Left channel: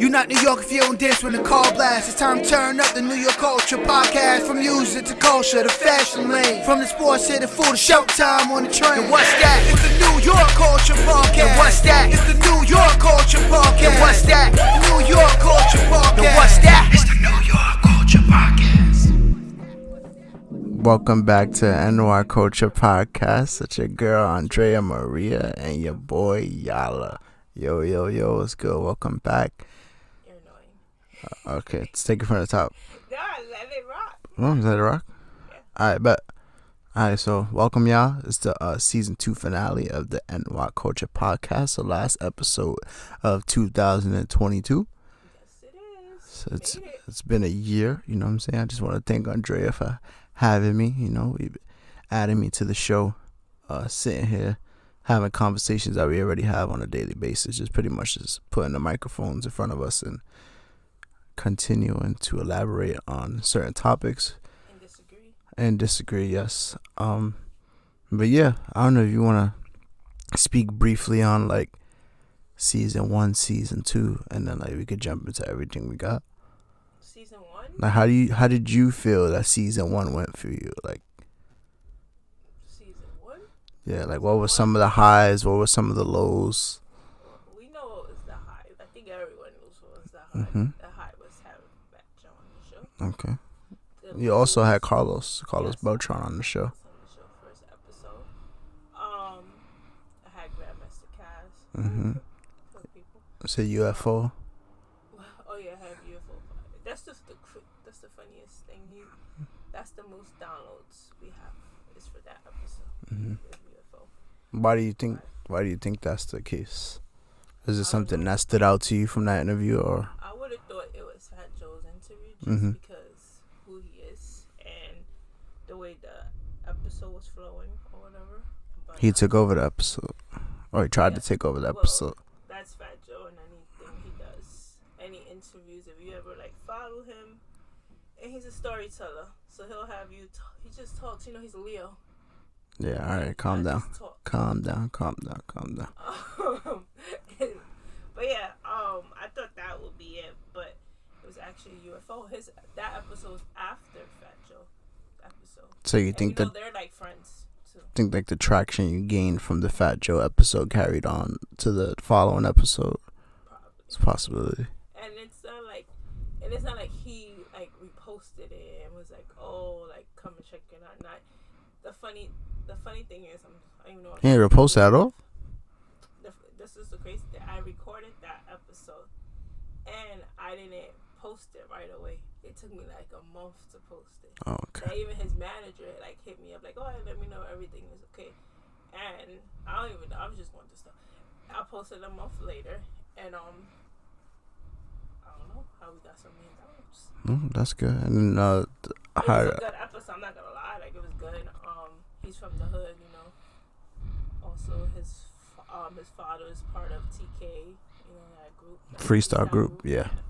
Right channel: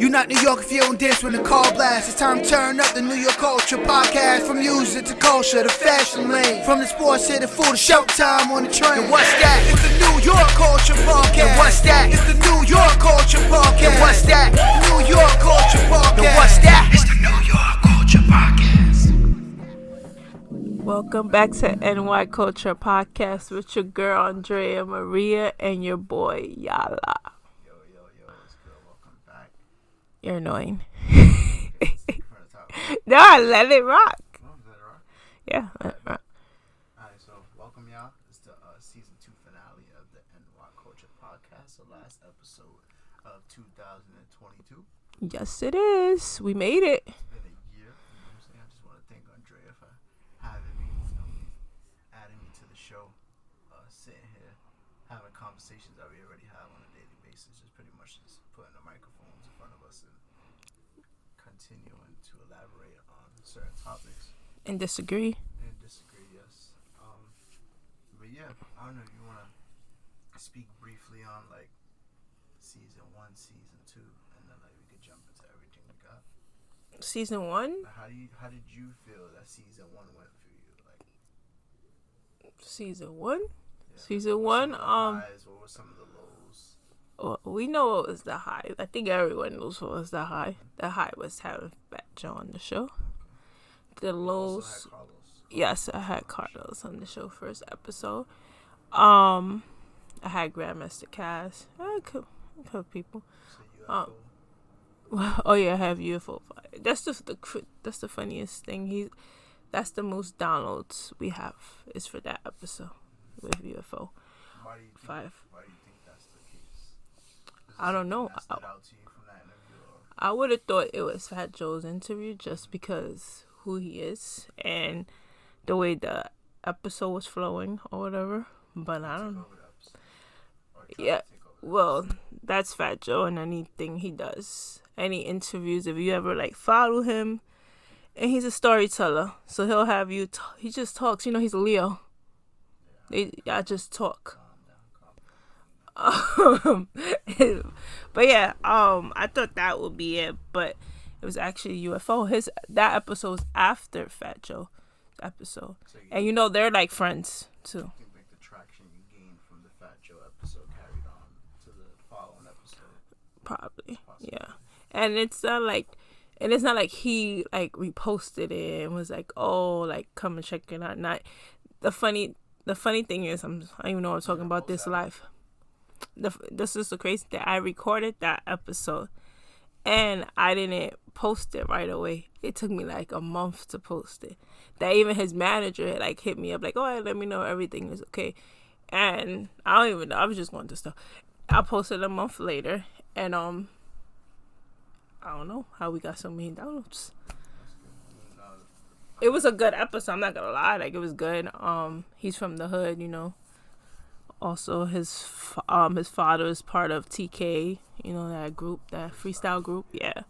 You not New York if you don't dance when the call blasts. It's time to turn up the New York culture podcast. From music to culture to fashion lane. From the sports to the food to showtime on the train. And what's that? It's the New York culture podcast. And what's that? It's the New York culture podcast. And what's that? New York culture podcast. And what's that? It's the New York culture podcast. Welcome back to NY Culture Podcast with your girl ANDREA, Maria, and your boy YALA. Yo, what's good? Welcome back. You're annoying. Okay, let's take it from the top. No, let it rock. Oh, let it rock? Yeah. Alright, bet. Alright, so welcome y'all. It's the season 2 finale of the NY Culture Podcast, the last episode of 2022. Yes, it is. So we made it. It's been a year, you know what I'm saying? I just want to thank ANDREA for having me, adding me to the show, sitting here, having conversations that we already have on a daily basis, just pretty much just putting the microphones in front of us and continuing to elaborate on certain topics. And disagree, yes. But yeah, I don't know if you want to speak briefly on like season 1, season 2, and then like we could jump into everything we got. Season 1? Like how did you feel that season 1 went for you? Like season 1? Yeah, like what were some of the highs? What were some of the lows? Well, we know what was the high. I think everyone knows what was the high. Mm-hmm. The high was having Fat Joe on the show. Okay. You also had Carlos yes, Beltran on the show. Carlos on the show first episode. I had Grandmaster Cass. Mm-hmm. A couple people. It's a UFO. Oh yeah, I have UFO. That's just that's the funniest thing. That's the most downloads we have is for that episode with UFO. Why do you think that's the case? Is it something that stood out to you from that interview, or? I would have thought it was Fat Joe's interview just because who he is and the way the episode was flowing or whatever. But he took over the episode, or he tried to take over the episode. Well, that's Fat Joe and anything he does, any interviews. If you ever like follow him. And he's a storyteller, so he'll have you. He just talks. He's a Leo. Yeah, all right, calm down. Just talk. Calm down. But yeah, I thought that would be it, but it was actually UFO. That episode was after Fat Joe episode. So you think they're like friends too. Think like the traction you gained from the Fat Joe episode carried on to the following episode? Probably. It's a possibility. Yeah. And it's not like. And it's not like he like reposted it and was like, "Oh, like come and check it out." Not the funny thing is, I don't even know what I'm talking about this at all. This is the crazy thing. I recorded that episode, and I didn't post it right away. It took me like a month to post it. Oh, okay. That even his manager like hit me up like, "Oh, let me know everything is okay," and I don't even know. I was just going to stuff. I posted a month later, and I don't know how we got so many downloads. That's good. And it was a good episode. I'm not gonna lie, like it was good. He's from the hood, Also, his father is part of TK, that group, that freestyle group. Yeah.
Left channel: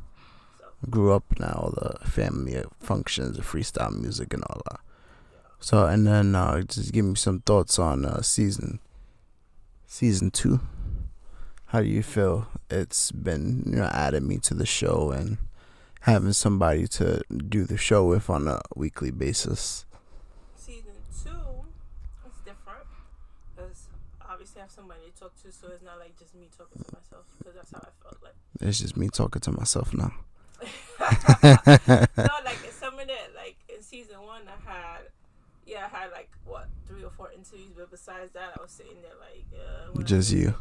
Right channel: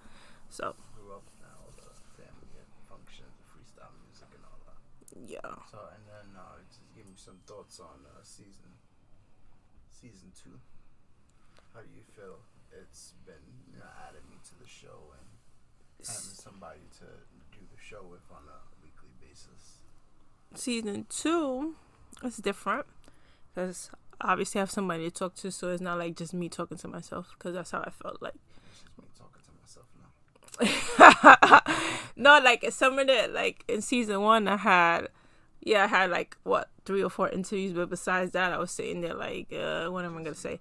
So grew up now, the family functions, the freestyle music and all that. Yeah. So and then just give me some thoughts on season 2. How do you feel it's been, adding me to the show and having somebody to do the show with on a weekly basis? Season 2 is different because obviously I have somebody to talk to, so it's not like just me talking to myself because that's how I felt like. It's just me talking to myself now. No, like some of the, like in season 1 I had like 3 or 4 interviews, but besides that I was sitting there like, what just am I gonna you. say?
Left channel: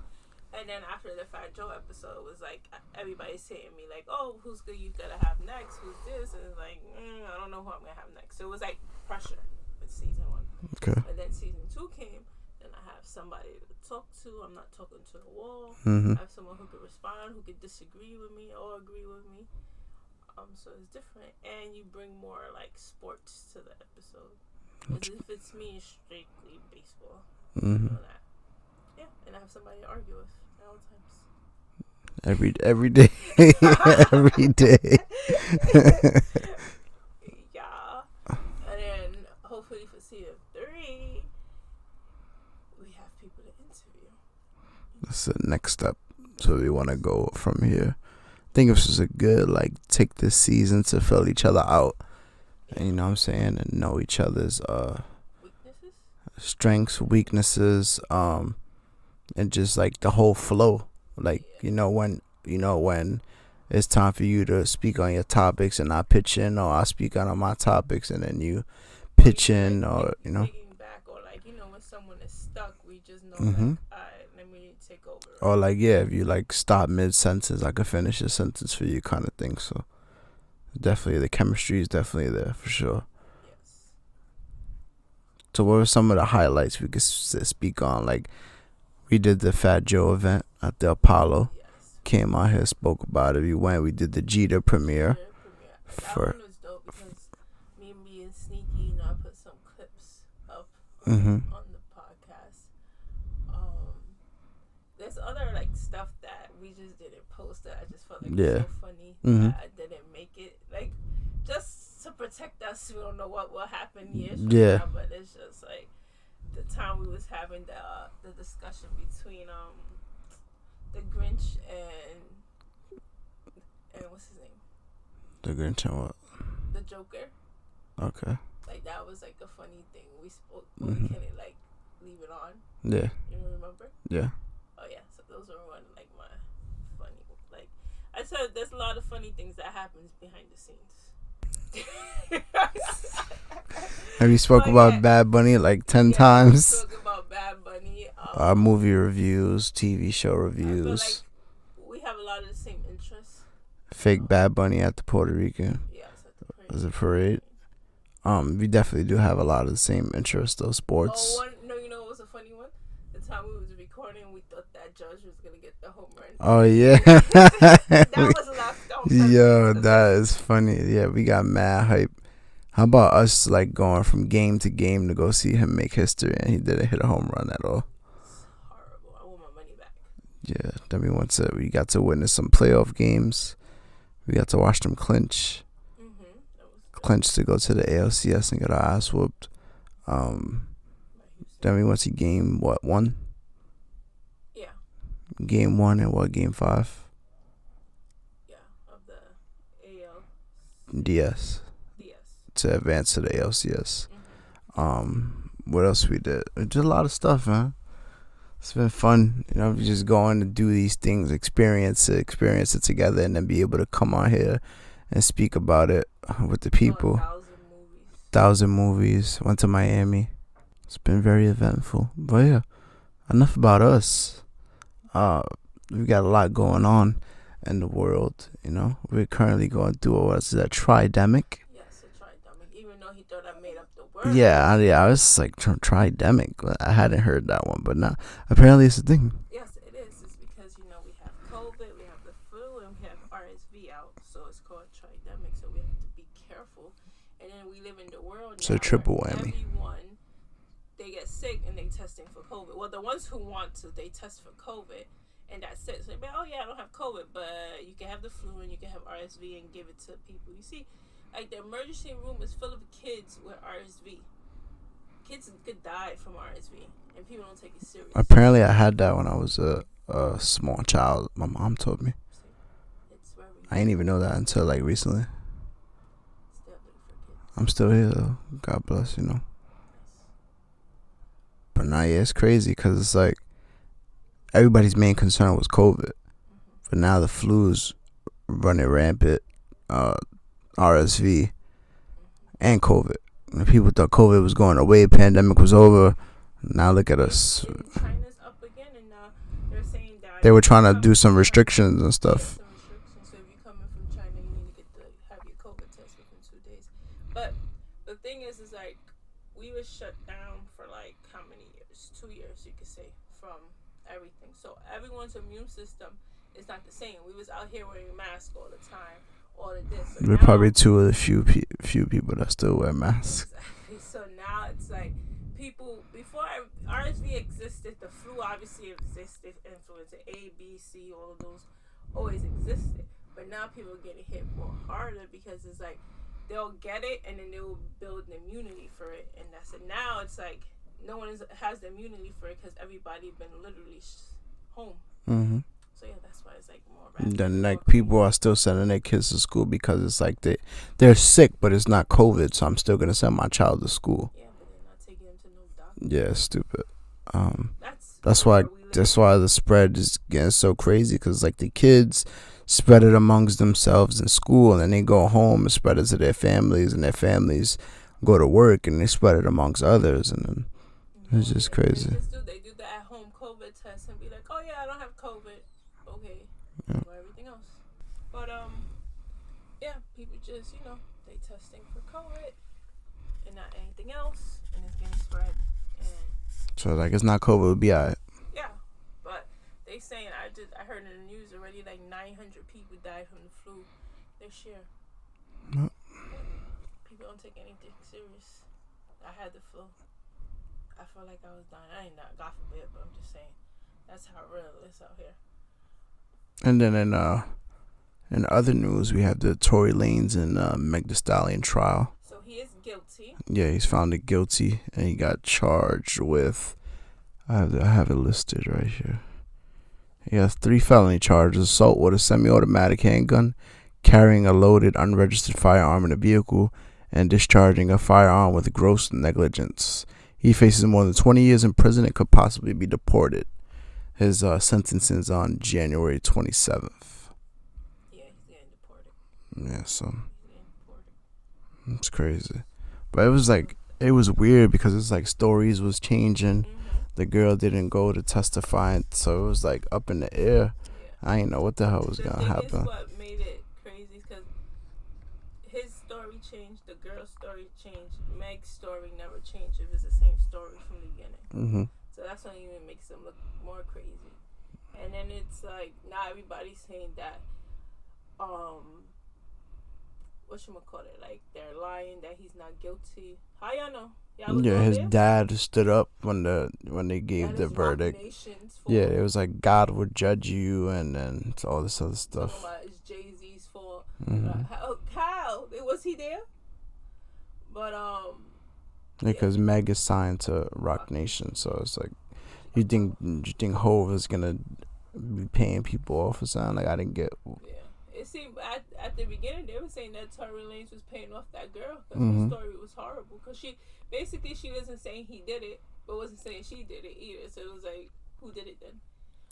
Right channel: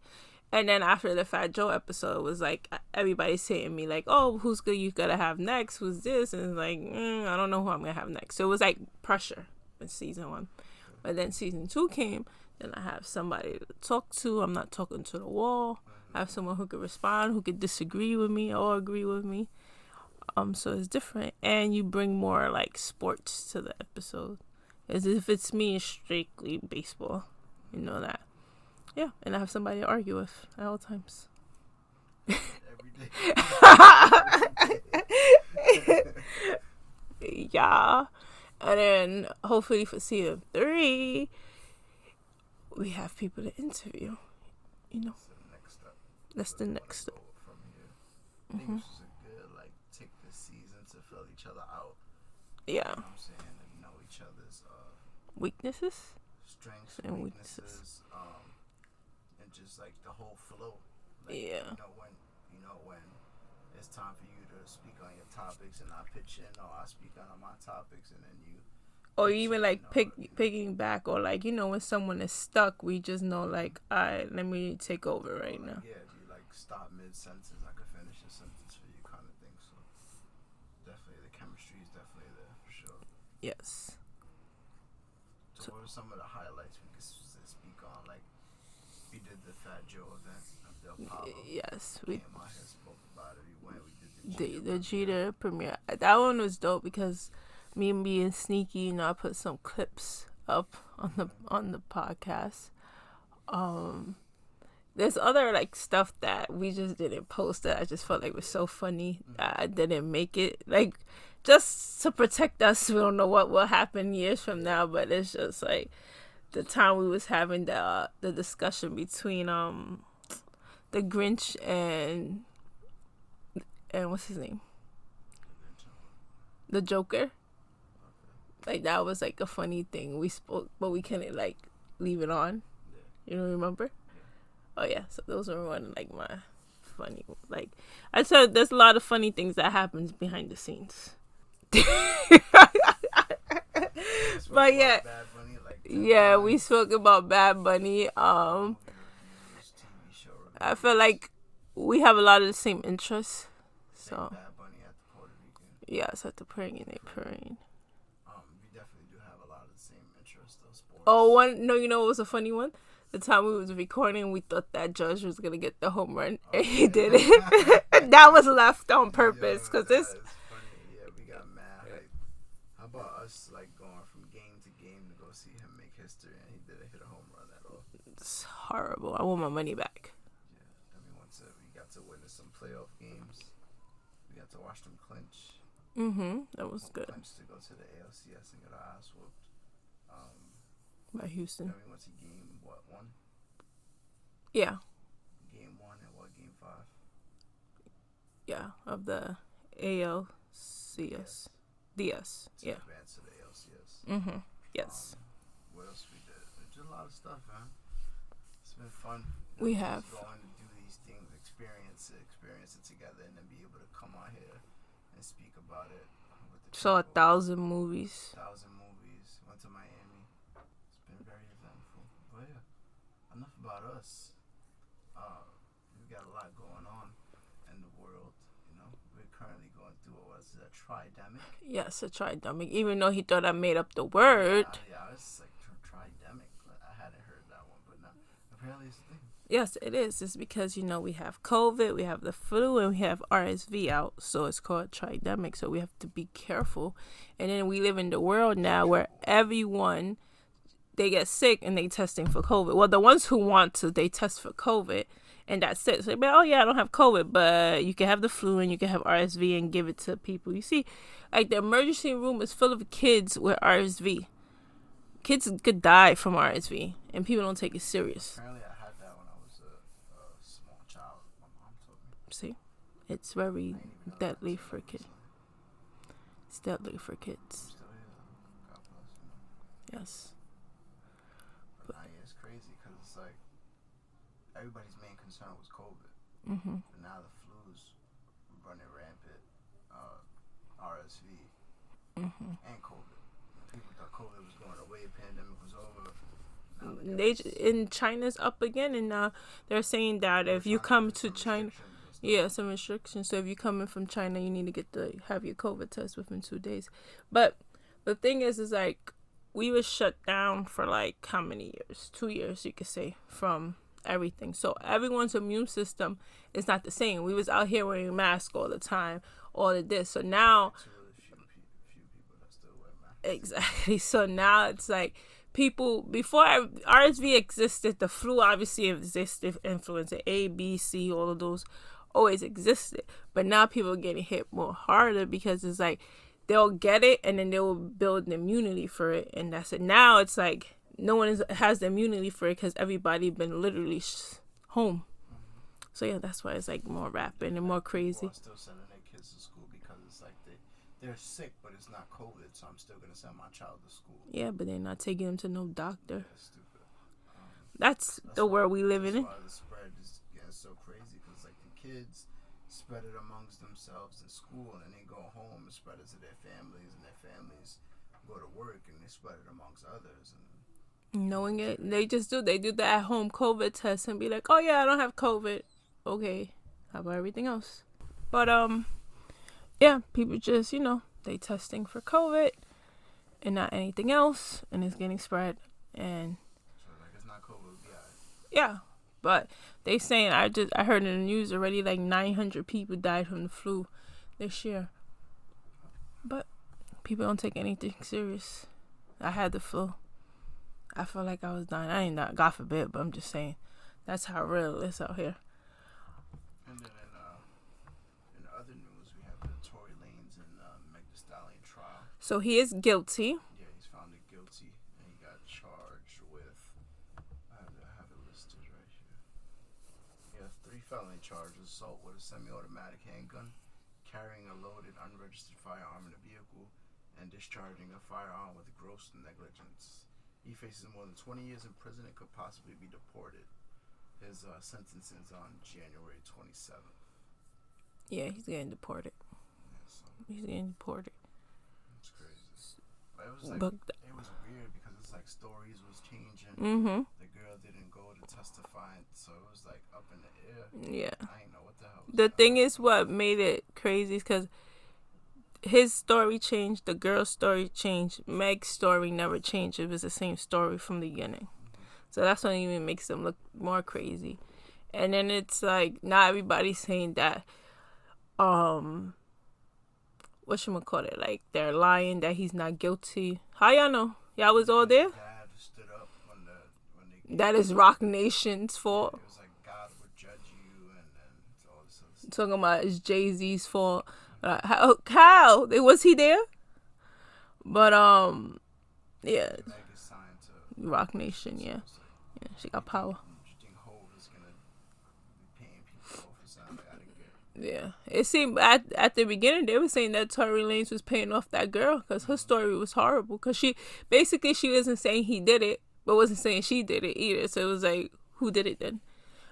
And then after the Fat Joe episode, it was like everybody's saying me like, "Oh, who's good you gotta have next? Who's this?" And it's like, I don't know who I'm gonna have next. So it was like pressure in season 1. Okay. But then season 2 came. Then I have somebody to talk to. I'm not talking to the wall. Mm-hmm. I have someone who could respond, who could disagree with me or agree with me. So it's different, and you bring more like sports to the episode. As if it's me, it's strictly baseball. Mm-hmm. You know that. Yeah, and I have somebody to argue with at all times. Every day. Every day. Yeah. And then hopefully for season 3, we have people to interview. That's the next step. So we want to go from here. I think this was a good, like, take this season to fill each other out. Yeah. You know what I'm saying? And know each other's weaknesses, strengths, weaknesses, and just like the whole flow. Like, when it's time for you to speak on your topics and I pitch in, or I speak on my topics and then you pitch in, or picking back, or like, when someone is stuck, we just know like, all right, let me take over. Right? Or like, if you like stop mid sentence, I could finish a sentence for you, kind of thing. So definitely the chemistry is definitely there for sure. Yes. So what were some of the highlights we could speak on? Like, we did the Fat Joe event at the Apollo. Yes. Came out here, spoke about it. We did the Jeter premiere. That one was dope because me and being sneaky, I put some clips up on the podcast. There's other like stuff that we just didn't post that I just felt like was so funny that I didn't make it. Like, just to protect us, we don't know what will happen years from now, but it's just like the time we was having the discussion between the Grinch and what's his name? The Grinch and what? The Joker. Okay. Like, that was like a funny thing we spoke, but we couldn't like leave it on. Yeah. You don't remember? Yeah. Oh yeah, so those were one like my funny, like I said, there's a lot of funny things that happens behind the scenes. Have you spoke about Bad Bunny like 10 times? Yeah, we spoke about Bad Bunny. Movie reviews, TV show reviews. I feel like we have a lot of the same interests. Fake Bad Bunny at the Puerto Rican. Yes, at the parade. There's a parade. We definitely do have a lot of the same interests, though. Sports. What was a funny one? The time we was recording, we thought that Judge was gonna get the home run. Oh yeah, that was left on purpose. Yo, that is funny. Yeah, we got mad hype. How about us like going from game to game to go see him make history, and he didn't hit a home run at all? It's horrible. I want my money back. Yeah, then we got to witness some playoff games. We got to watch them clinch. That was good. Clinch to go to the ALCS and get our ass whooped. By Houston. Then we went to game 1? Yeah. Game 1 and game 5? Yeah, of the ALCS. DS. To advance to the ALCS. Yes. What else we did? We did a lot of stuff, man. It's been fun, just going to do these things, experience it together, and then be able to come on here and speak about it with the people. So 1,000 movies. 1,000 movies. Went to Miami. It's been very eventful. But yeah, enough about us. We got a lot going on in the world, We're currently going through what's that, tridemic? Yes, a tridemic. Even though he thought I made up the word. Yeah, I was like, tridemic. I hadn't heard that one, but now apparently it's a thing. Yes, it is. It's because, we have COVID, we have the flu, and we have RSV out. So it's called tridemic. So we have to be careful. And then we live in the world now where everyone, they get sick and they testing for COVID. Well, the ones who want to, they test for COVID. And that's it. So, I don't have COVID, but you can have the flu and you can have RSV and give it to people. You see, like, the emergency room is full of kids with RSV. Kids could die from RSV, and people don't take it serious. Apparently, I had that when I was a small child. My mom told me. See, it's very. I didn't even know that until like recently. It's deadly for kids. I'm still here though. God bless, Yes. But now, it's crazy because it's like everybody's main concern was COVID, but now the flu's running rampant, RSV, and COVID. And people thought COVID was going away, pandemic was over. Now look at us. And China's up again, and they're saying that they were trying to do some restrictions and stuff. Yeah, some restrictions. So if you're coming from China, you need to have your COVID test within 2 days. But the thing is like we were shut down for like how many years? 2 years, you could say, from everything. So everyone's immune system is not the same. We was out here wearing masks all the time, all of this. So we're now probably two of the few people that still wear masks. Exactly. So now it's like people, before RSV existed, the flu obviously existed, influenza A, B, C, all of those always existed. But now people are getting hit more harder because it's like they'll get it and then they'll build an immunity for it, and that's it. Now it's like no one has the immunity for it because everybody been literally home. So yeah, that's why it's like more rapid. Then and like more crazy. people are still sending their kids to school because it's like they're sick, but it's not COVID, so I'm still gonna send my child to school. Yeah, but they're not taking them to no doctor. Yeah, stupid. That's why we live that's in. why the spread is getting so crazy, because like the kids spread it amongst themselves in school, and then they go home and spread it to their families, and their families go to work and they spread it amongst others, and then it's just crazy. They do the at home COVID test and be like, oh yeah, I don't have COVID. Okay, how about everything else? But yeah, people just they testing for COVID and not anything else, and it's getting spread. And so like it's not COVID, it'll be alright. Yeah, but they saying I heard in the news already like 900 people died from the flu this year. Yep. But people don't take anything serious. I had the flu. I felt like I was dying. I ain't not, God forbid, but I'm just saying that's how real it is out here. And then in other news, we have the Tory Lanez and Meg Thee Stallion trial. So he is guilty. Yeah, he's found guilty, and he got charged with. I have it listed right here. He has 3 felony charges: assault with a semi-automatic handgun, carrying a loaded unregistered firearm in a vehicle, and discharging a firearm with gross negligence. He faces more than 20 years in prison and could possibly be deported. His sentence is on January 27th. Yeah, he's getting deported. Yeah, so he's getting deported. It's crazy. But it was like, it was weird because it's like stories was changing. Mm-hmm. The girl didn't go to testify, so it was like up in the air. Yeah. I didn't know what the hell was going to happen. The thing is what made it crazy is because his story changed, the girl's story changed, Meg's story never changed. It was the same story from the beginning. Mm-hmm. So that's what even makes them look more crazy. And then it's like, not everybody's saying that, whatchamacallit, like they're lying that he's not guilty. How y'all know? Y'all was all there? His dad stood up when they gave that the is Rock verdict. Nation's fault. Yeah, it was like God would judge you, and then all this other stuff. Talking about it's Jay-Z's fault. Mm-hmm. How? Was he there? But because Meg is signed to Rock Nation, so it's like, you think Hov is gonna be paying people off or something? Like, I didn't get. Yeah, it seemed at the beginning they were saying that Tory Lanez was paying off that girl because her story was horrible. Because she wasn't saying he did it, but wasn't saying she did it either. So it was like, who did it then?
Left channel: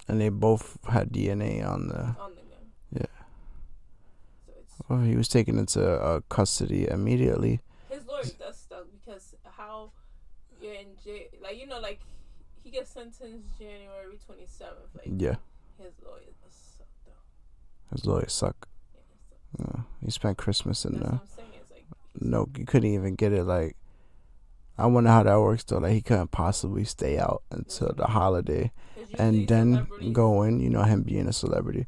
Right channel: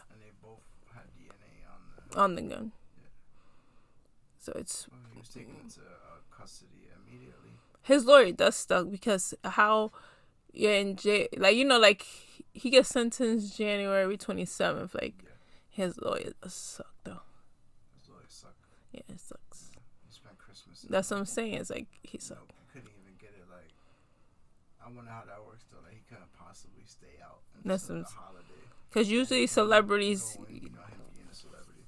And they both had DNA on the gun. Yeah. So it's. Well, he was taken into custody immediately. His lawyer does stuck because how, in jail, like he gets sentenced January 27th. Like, yeah. His lawyer does suck though. His lawyers suck. Yeah, it sucks. Yeah. He spent Christmas in That's what I'm saying. It's like you couldn't even get it. Like, I wonder how that works though. Like, he couldn't possibly stay out until the holiday. Because usually and then celebrities go in. Him being a celebrity.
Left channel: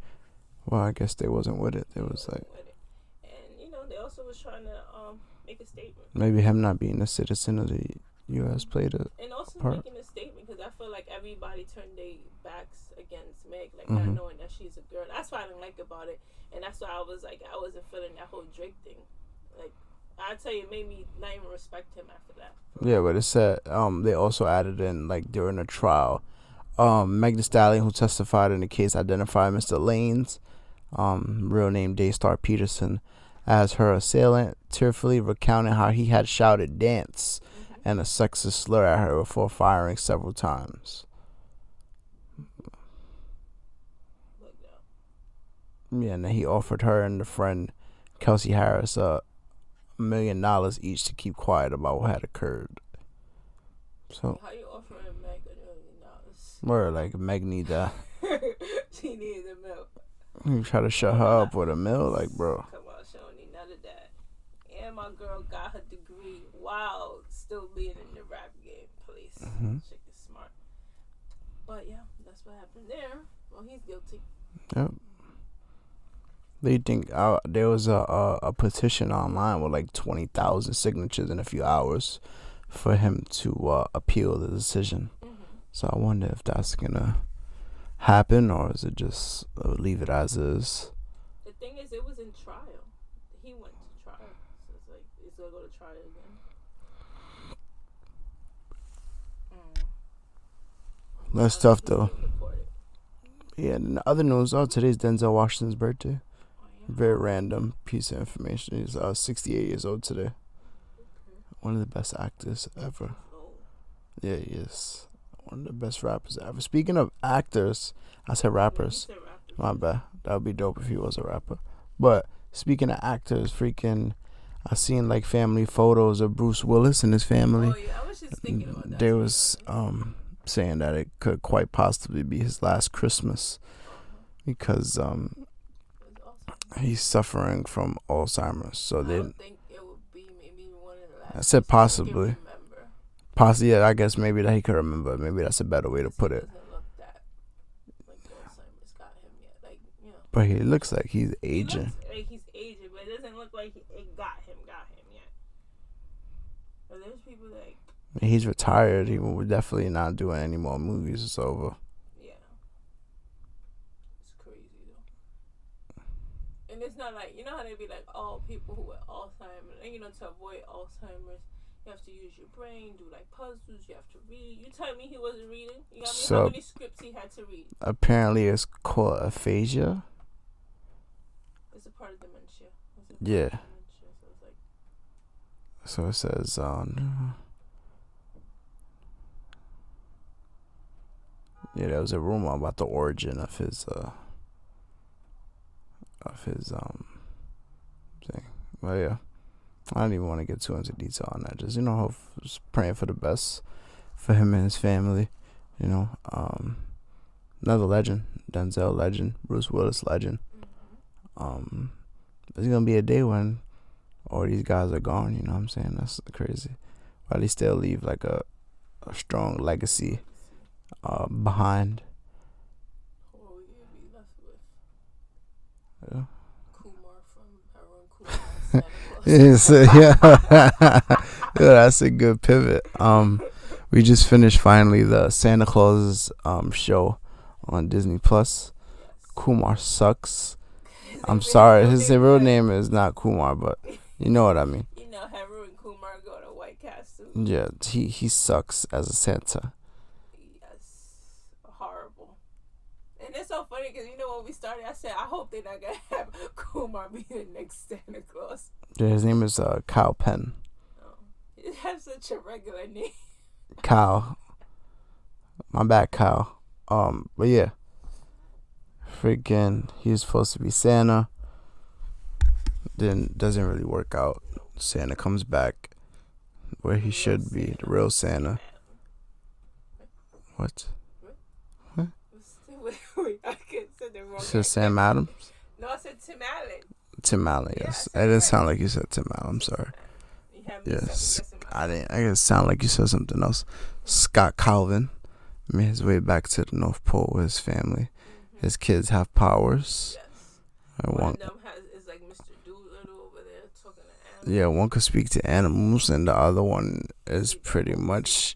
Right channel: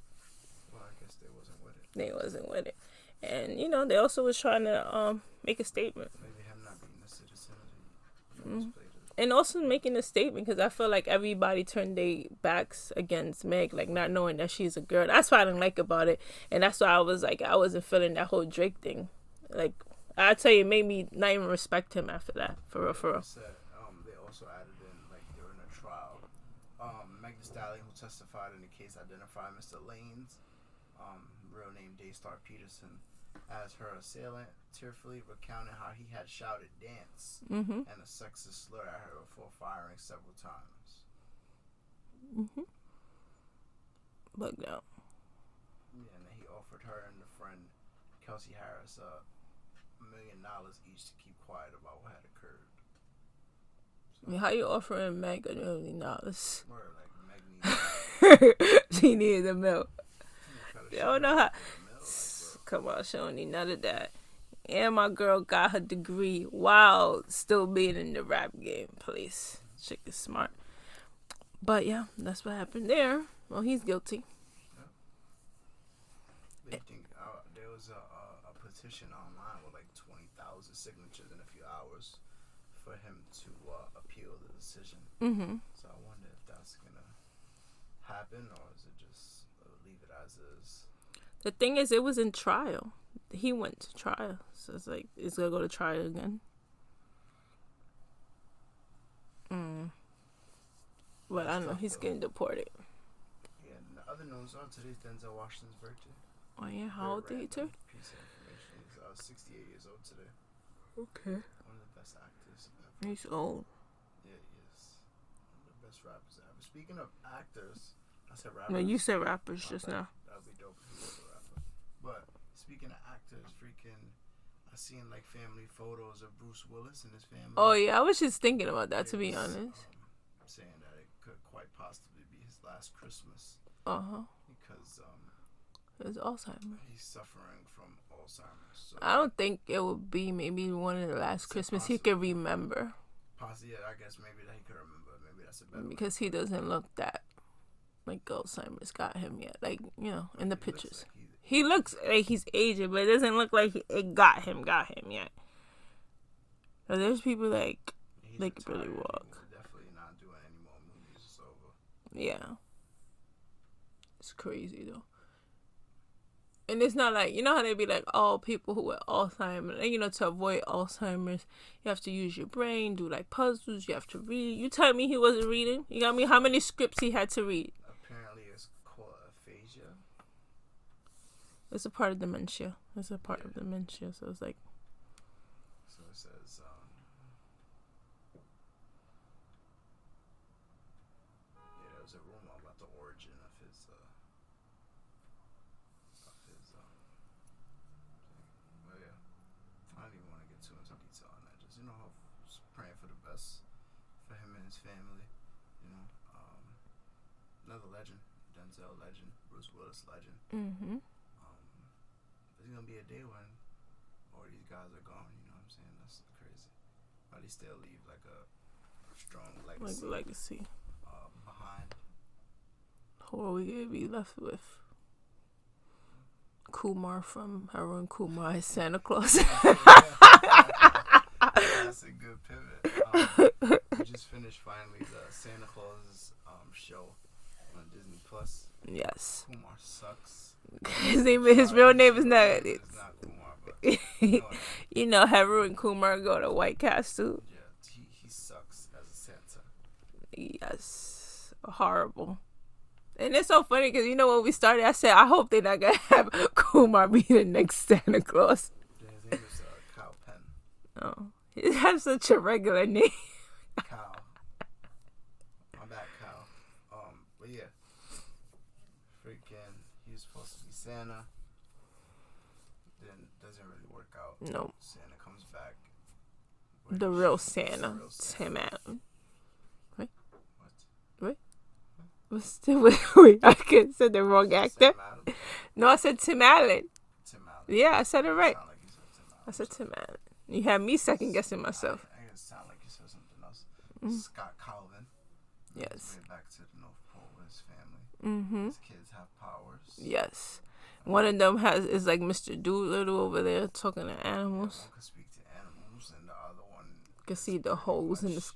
Well, I guess they wasn't with it. They wasn't with it. And they also was trying to make a statement. Maybe him not being a citizen of the U.S. played it. And also making a statement, because I feel like everybody turned their backs against Meg, like not knowing that she's a girl. That's what I didn't like about it. And that's why I was like, I wasn't feeling that whole Drake thing. Like, I tell you, it made me not even respect him after that. But it said they also added in, like, during the trial, Meg Thee Stallion, who testified in the case, identified Mr. Lanez, real name Daystar Peterson, as her assailant, tearfully recounting how he had shouted "dance" and a sexist slur at her before firing several times. But no. Yeah, and then he offered her and the friend Kelsey Harris $1 million each to keep quiet about what had occurred. So how you offering Meg $1 million? Word, like Meg need that. She needed the milk. You try to shut her up with $1 million, like, bro. Come on, she don't need none of that. And my girl got her degree while still being in the rap game, please. Chick is smart. But yeah, that's what happened there. Well, he's guilty. Yep. They think there was a petition online with like 20,000 signatures in a few hours for him to appeal the decision. So I wonder if that's gonna happen, or is it just leave it as is? The thing is, it was in trial. He went to trial, so it's like it's gonna go to trial again. That's tough though. He's getting deported. Yeah, and the other news, today's Denzel Washington's birthday. Oh, yeah. Very random piece of information. He's 68 years old today. Okay. One of the best actors ever. He's old. Yeah, he is. One of the best rappers ever. Speaking of actors, I said rappers. No, you said rappers. My bad. Now. That would be dope if he was a rapper. But speaking of actors, I seen like family photos of Bruce Willis and his family. Oh yeah, I was just thinking about that. There to was be honest. saying that it could quite possibly be his last Christmas. Because it's Alzheimer's. he's suffering from Alzheimer's. So I don't think it would be maybe one of the last. I said Christmas possibly. he could remember. Possibly, yeah. I guess maybe that he could remember. Maybe that's a better way to put it. He doesn't look that like Alzheimer's got him yet. Like, you know. But he looks like he's aging. He looks like he's aging, but it doesn't look like it got him yet. So there's people like. He's retired. He will definitely not doing any more movies. It's over. Yeah. It's crazy though. And it's not like, you know how they be like, oh, people who have Alzheimer's, you know, to avoid Alzheimer's, you have to use your brain, do like puzzles, you have to read. You tell me he wasn't reading? You got me? How many scripts he had to read? Apparently it's called aphasia. It's a part of dementia. It's a part of dementia. So it's like. So it says, yeah, there was a rumor about the origin of his thing. But yeah, I don't even want to get too into detail on that. Just, you know, just praying for the best for him and his family. You know, another legend, Denzel legend, Bruce Willis legend. There's gonna be a day when all these guys are gone. You know what I'm saying? That's crazy. But they still leave like a strong legacy. Behind. Who are we gonna be left with? Yeah. Kumar from Haroon Kumar as Santa Claus. Yeah, that's a good pivot. We just finished finally the Santa Claus show on Disney Plus. Yes. Kumar sucks. I'm sorry, his real name is not Kumar, but you know what I mean. You know, Haroon Kumar go to White Castle. Yeah, he sucks as a Santa. Yes, horrible. And it's so funny because, you know, when we started, I said, I hope they're not going to have Kumar be the next Santa Claus. Yeah, his name is Kyle Penn. Oh, he has such a regular name. Kyle. My bad, Kyle. But yeah. Freaking, he was supposed to be Santa. Then doesn't really work out. No. Santa comes back where he should be. The real Santa. What? Wait, I said the wrong actor. Sam Adam? No, I said Tim Allen. Tim Allen. Yeah, I said it it didn't right. sound like you said Tim Allen. I'm sorry. You had me second guessing myself. I guess it sounded like you said something else. Scott Calvin made his way back to the North Pole with his family. His kids have powers. Yes. One of them is like Mr. Doolittle over there talking to animals. Yeah, one could speak to animals, and the other one is pretty much.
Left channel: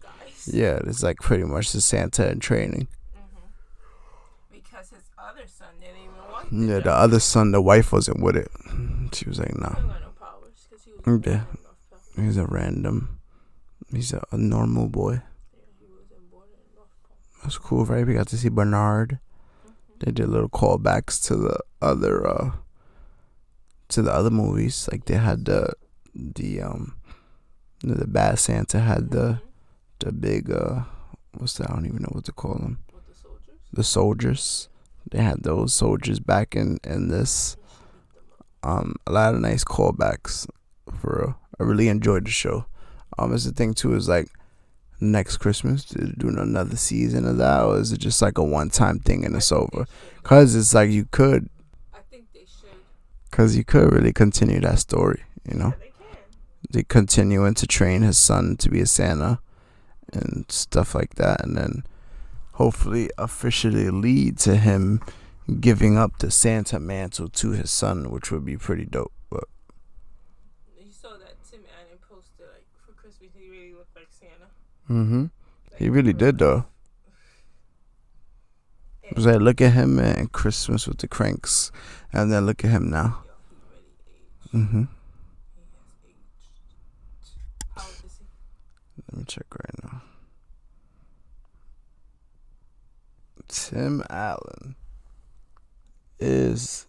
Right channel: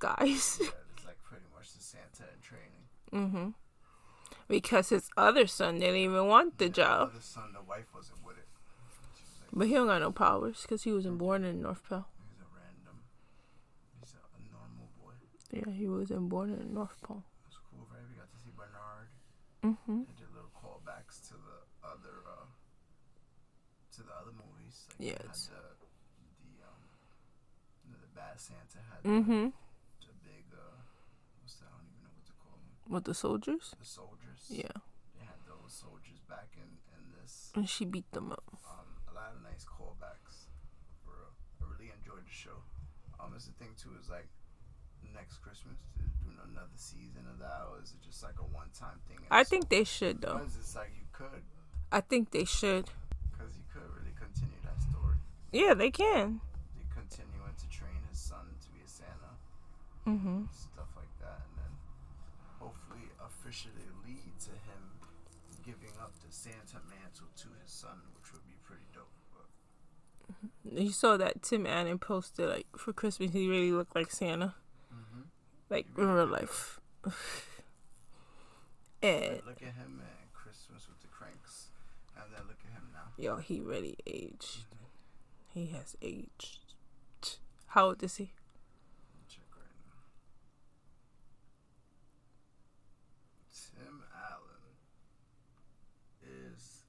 Yeah, it's like pretty much the Santa in training. Because his other son didn't even want the job. Yeah, the other son, the wife wasn't with it. She was like, no. But he don't got no powers because he was born in North Pole. He's a normal boy. Yeah, he wasn't born in North Pole. That's cool, right? We got to see Bernard. They did little callbacks to the other movies. Like they had the bad Santa had the big what's that? I don't even know what to call them. What, the soldiers? The soldiers. Yeah. They had those soldiers back in this. And she beat them up. A lot of nice callbacks for real. I really enjoyed the show. It's the thing too is like next Christmas to do another season of that, or is it just like a one-time thing and it's over? They should. Because it's like you could. I think they should. Because you could really continue that story. You know? They can. They continuing to train his son to be a Santa and stuff like that, and then hopefully officially lead to him giving up the Santa mantle to his son, which would be pretty dope. But you saw that Tim Allen posted like for Christmas he really looked like Santa. Like, he really did though. Cause I look at him in Christmas with the Cranks, and then look at him now. Yo, he really aged. He has aged. How old is he? Let me check right now. Tim Allen. is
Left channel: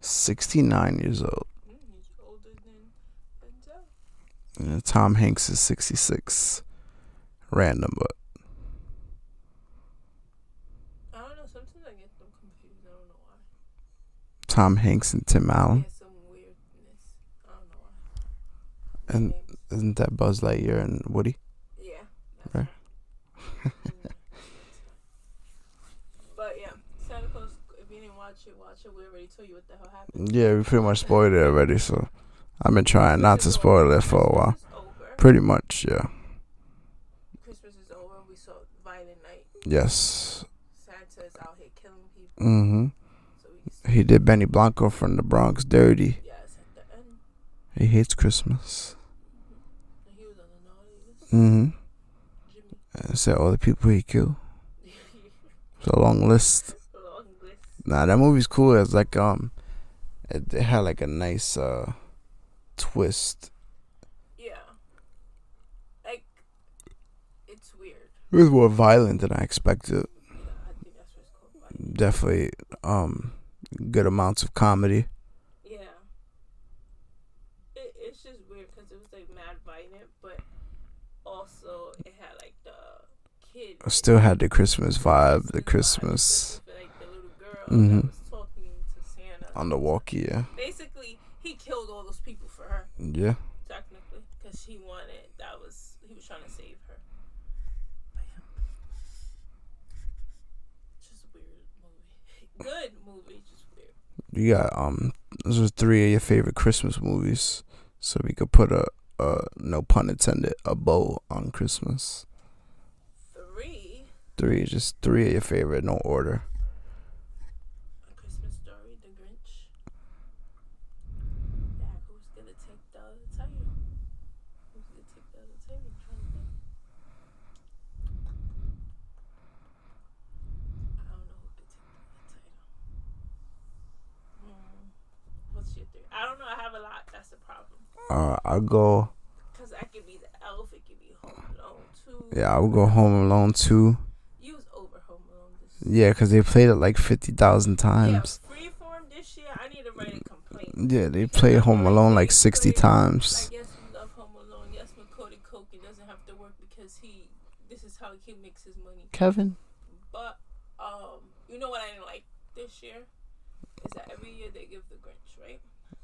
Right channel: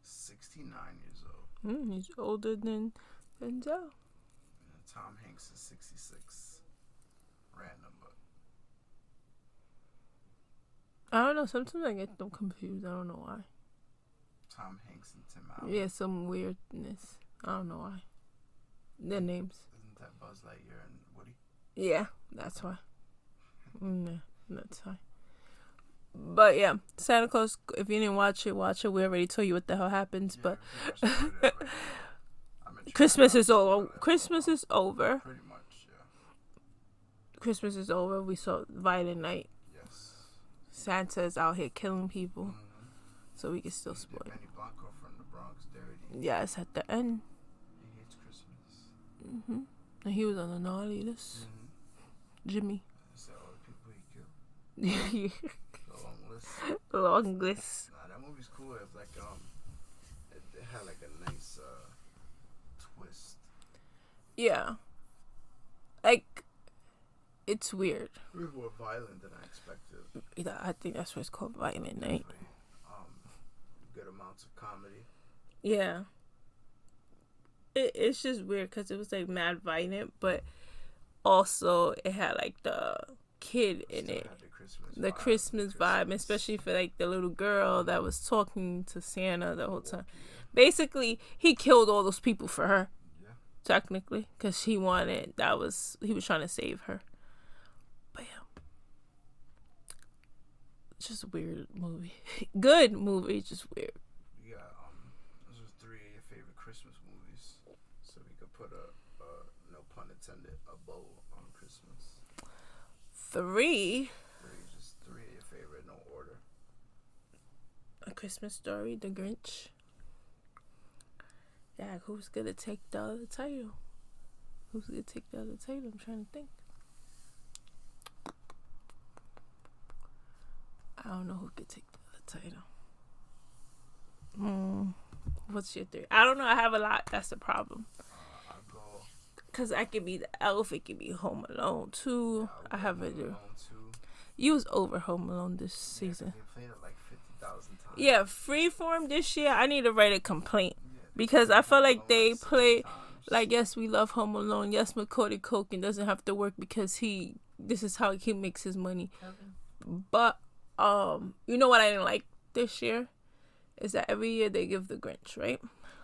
69 years old. He's older than Denzel. And Tom Hanks is 66. Random, but I don't know. Sometimes I get them confused. I don't know why. Tom Hanks and Tim Allen. Yeah, some weirdness. I don't know why. Their And names. isn't that Buzz Lightyear and Woody? Yeah, that's Okay. why. No, that's why. But yeah, Santa Claus. If you didn't watch it, watch it. We already told you what the hell happens. Yeah, we pretty much spoiled it already, so I've been trying Christmas not is to spoil over. it for a while. Christmas is over. Pretty much, yeah. Christmas is over. We saw Violent Night. Yes. Santa is out here killing people. Mm-hmm. So we can still He did Benny Blanco from the Bronx dirty. Yes, at the end. He hates Christmas. Mm-hmm. And he was on the naughty list. Mm-hmm. Jimmy. And said all the people he killed. It's a long list. Long list. Nah, that movie's cool. It's like it had like a nice twist. Yeah. Like, it's weird. It was more violent than I expected. Yeah, I think that's what it's called, Violent. Definitely good amounts of comedy. Yeah. It's just weird because it was like mad violent, but also it had like the kid. I still had the Christmas vibe. The Christmas. Especially for like the little girl that was talking to Santa. On the walkie, yeah. Basically, he killed all those people for her. Yeah. Technically, because he was trying to save her. But yeah. It's just a weird movie. Good movie, just weird. You got those are 3 of your favorite Christmas movies, so we could put a no pun intended, a bow on Christmas. 3. 3, just 3 of your favorite, no order. A Christmas Story, The Grinch. Yeah, who's gonna take the other title? I'm trying to think. I don't know who could take the other title. What's your 3? I don't know. I have a lot. That's the problem. I'll go. Cause I could be the Elf. It could be Home Alone 2. Yeah, I would go Home Alone 2. You was over Home Alone this. Yeah, because they played it like 50,000 times. Yeah, Freeform this year. I need to write a complaint. Yeah, they because played I feel Home Alone like 60 times. Like, yes, we love Home Alone. Yes, Macaulay Culkin doesn't have to work because this is how he makes his money. Kevin. But you know what I didn't like this year is that every year they give the Grinch, right?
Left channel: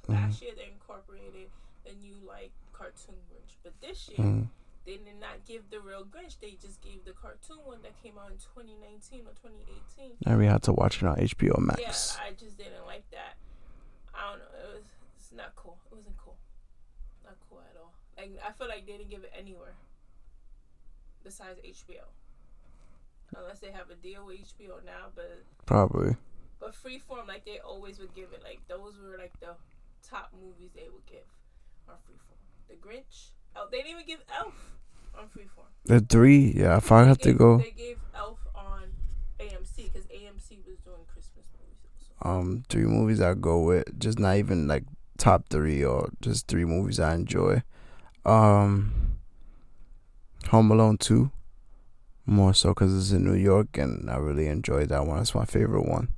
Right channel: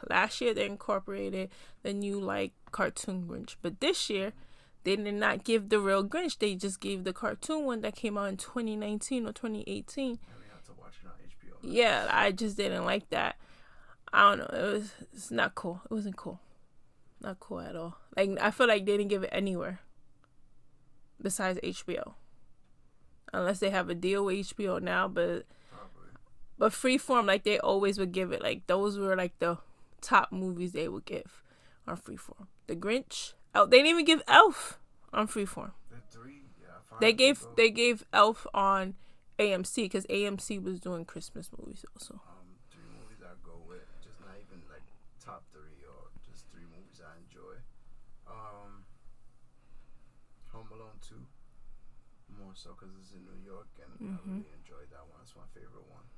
Last year they incorporated the new like cartoon Grinch, but this year they did not give the real Grinch. They just gave the cartoon one that came out in 2019 or 2018. And we had to watch it on HBO Max. Yeah, I just didn't like that. I don't know. It's not cool. It wasn't cool. Not cool at all. Like, I feel like they didn't give it anywhere besides HBO, unless they have a deal with HBO now. But probably. But Freeform, like they always would give it. Like those were like the top movies they would give on Freeform. The Grinch. Oh, they didn't even give Elf on Freeform. The 3, yeah. If I have to go, they gave Elf on AMC because AMC was doing Christmas movies also. 3 movies I go with, just not even like top 3 or just 3 movies I enjoy. Home Alone 2, more so because it's in New York and I really enjoyed that one. It's my favorite one.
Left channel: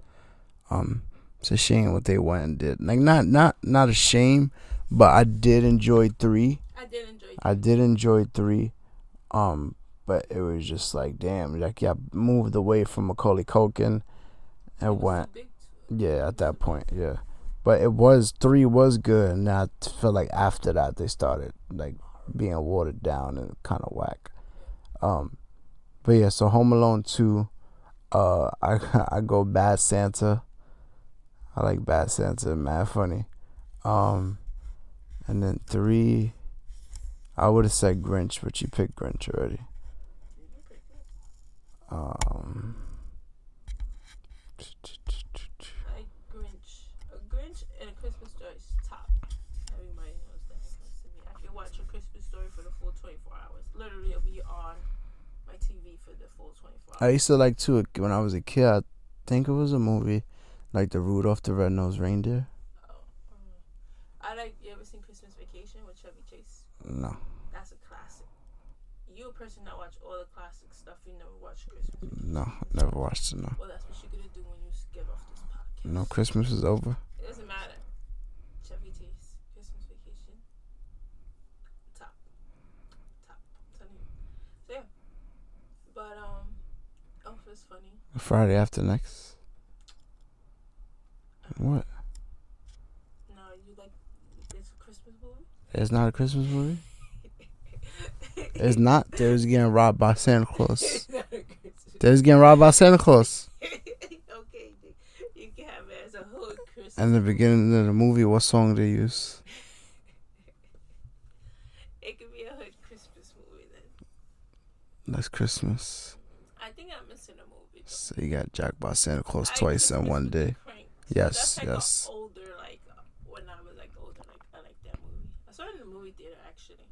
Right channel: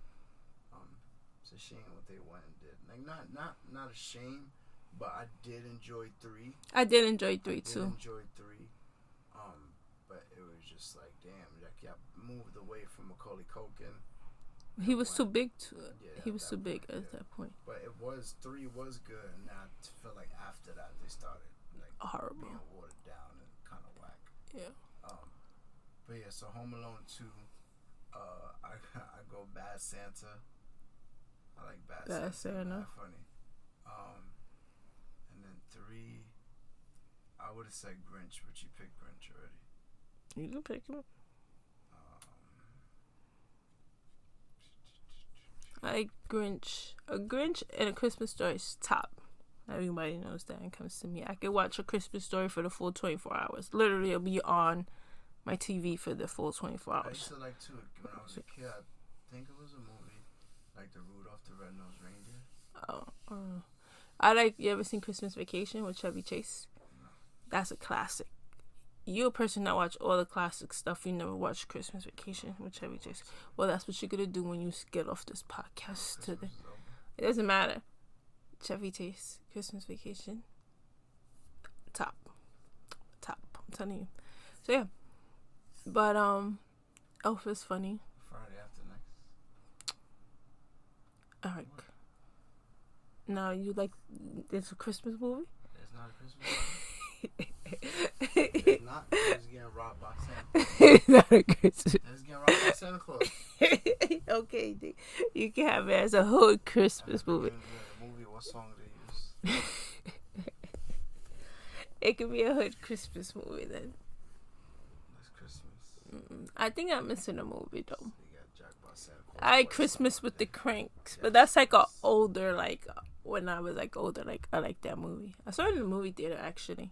It's a shame what they went and did. Like not a shame, but I did enjoy 3. I did enjoy 3. But it was just like, damn, like, yeah, moved away from Macaulay Culkin. He was too big at that point. But 3 was good, and I felt like after that they started like being watered down and kind of whack. Yeah. But yeah, so Home Alone 2, I go Bad Santa. I like Bad Santa, mad funny. And then 3, I would have said Grinch, but you picked Grinch already. You can pick him. I like Grinch. A Grinch and A Christmas Story is top. Everybody knows that and comes to me. I could watch A Christmas Story for the full 24 hours. Literally, it'll be on my TV for the full 24 hours. I used to like too when I was a kid. I think it was a movie like the Rudolph the Red-Nosed Reindeer. I like. You ever seen Christmas Vacation with Chevy Chase? No. That's a classic. you're a person that watch all the classic stuff. You never watch Christmas Vacation. No, never watched it. No. Well, that's what you're gonna do when you get off this podcast. No, Christmas is over. It doesn't matter. Chevy Chase, Christmas Vacation, top. I'm telling you. So yeah, but Elf is funny. Friday after next. What? No, you like it's a Christmas movie? It's not a Christmas movie. It's not. There's getting robbed by Santa Claus. It's not a Christmas. There's getting robbed by Santa Claus. Okay, you can have it as a hood Christmas. And the beginning of the movie, what song they use? It could be a hood Christmas movie then. That's Christmas. I think I'm missing a movie though. So you got jacked by Santa Claus I twice Christmas in one with day. The Cranks. Yes, but that's like yes. a older, like when I was like older, like I like that movie. I saw it in the movie theater actually.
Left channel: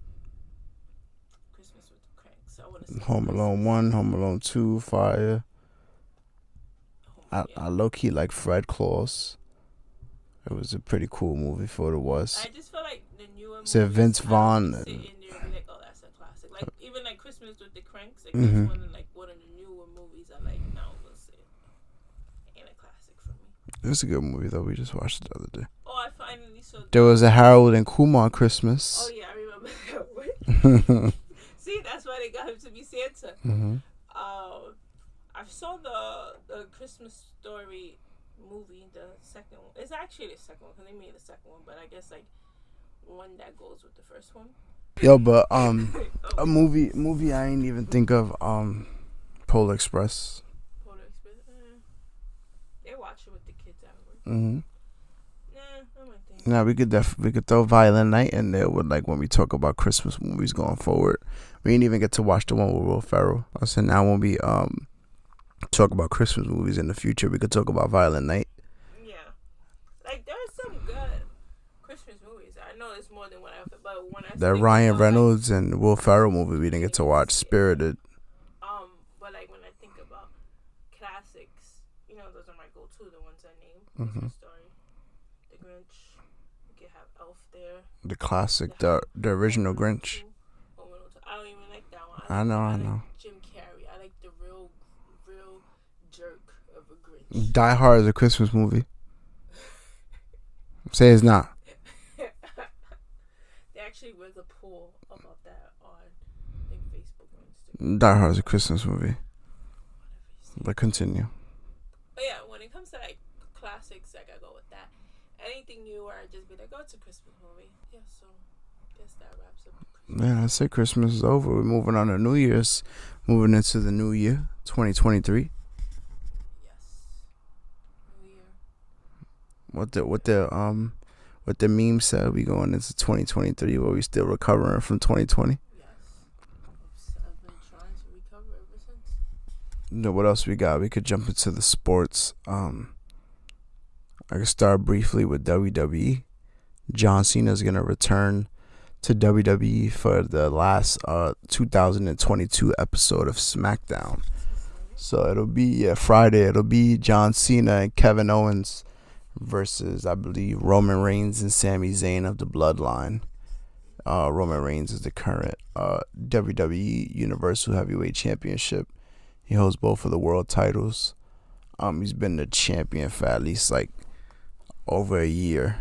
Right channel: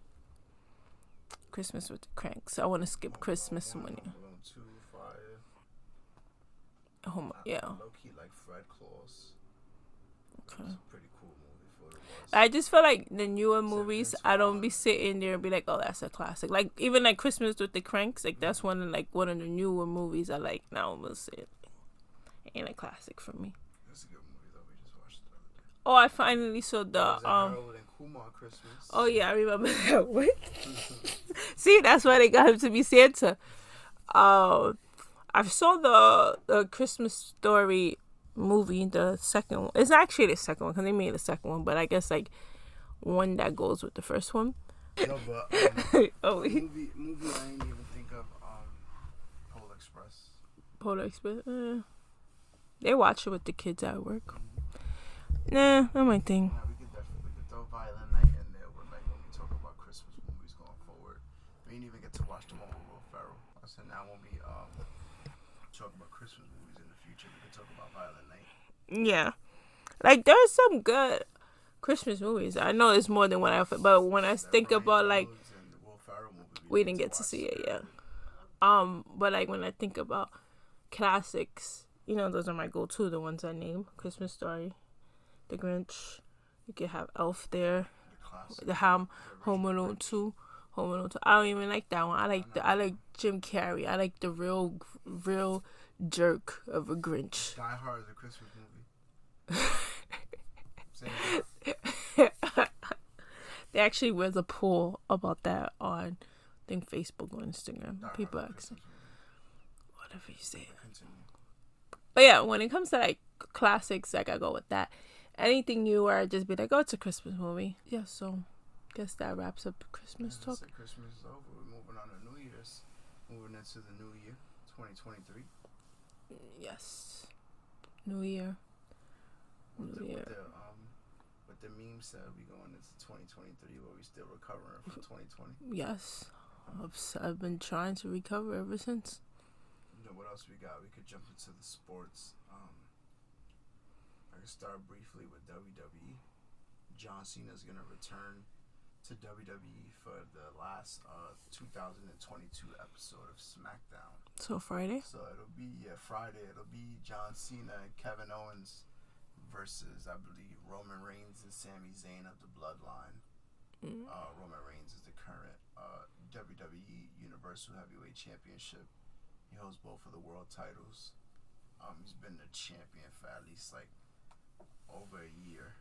Christmas with the Cranks. I want to skip Home Christmas. Alone 1, Home Alone 2, Fire. Yeah. I low key like Fred Claus. It was a pretty cool movie for what it was. I just feel like the newer So movies, Vince I don't be Vaughn- sitting there and be like, oh, that's a classic. Like even like Christmas with the Cranks, like that's one of the newer movies I like. Now I'm gonna say it ain't a classic for me. It was a good movie though. We just watched it the other day. Oh, I finally saw. There was a Harold and Kumar Christmas. Oh yeah, I remember that one. See, that's why they got him to be Santa. I saw the Christmas Story movie, the second one. It's actually the second one because they made the second one, but I guess like one that goes with the first one. Yo, but a movie I ain't even think of. Polar Express. Polar Express. They watch it with the kids at work. Mm-hmm. Nah, not my thing. Now we could throw Violent Night in there with like when we talk about Christmas movies going forward. We didn't even get to watch the one with Will Ferrell. I said now when we talk about Christmas movies in the future, we could talk about Violent Night. Yeah, like there's some good Christmas movies. I know it's more than one outfit, but when I That think Ryan about Reynolds and Will Ferrell movie we didn't get to watch, see it, Spirited. But like when I think about classics, you know, those are my go-to. The ones I name: Christmas Story, The Grinch. You could have Elf there. The classic, the original Home Alone Grinch. 2, Home Alone 2. I don't even like that one. I like Jim Carrey. I like the real jerk of a Grinch. Die Hard is a Christmas movie. Say it's not. They actually was a poll about that on, I think, Facebook or Instagram. Die Hard is a Christmas movie. Whatever you say. But continue. But yeah, when it comes to like classics, like I go with that. Anything newer, I'd just be like, oh, it's a Christmas movie. Yeah, so guess that wraps up the Christmas. Yeah, I say Christmas is over. We're moving on to New Year's. Moving into the new year, 2023. Yes. New Year. What the meme said, we going into 2023 where we still recovering from 2020. Yes. I've been trying to recover ever since. You know what else we got? We could jump into the sports. I could start briefly with WWE. John Cena is gonna return to WWE for the last 2022 episode of SmackDown. So Friday? So it'll be Friday. It'll be John Cena and Kevin Owens versus, I believe, Roman Reigns and Sami Zayn of the Bloodline. Roman Reigns is the current WWE Universal Heavyweight Championship. He holds both of the world titles. He's been the champion for at least like over a year,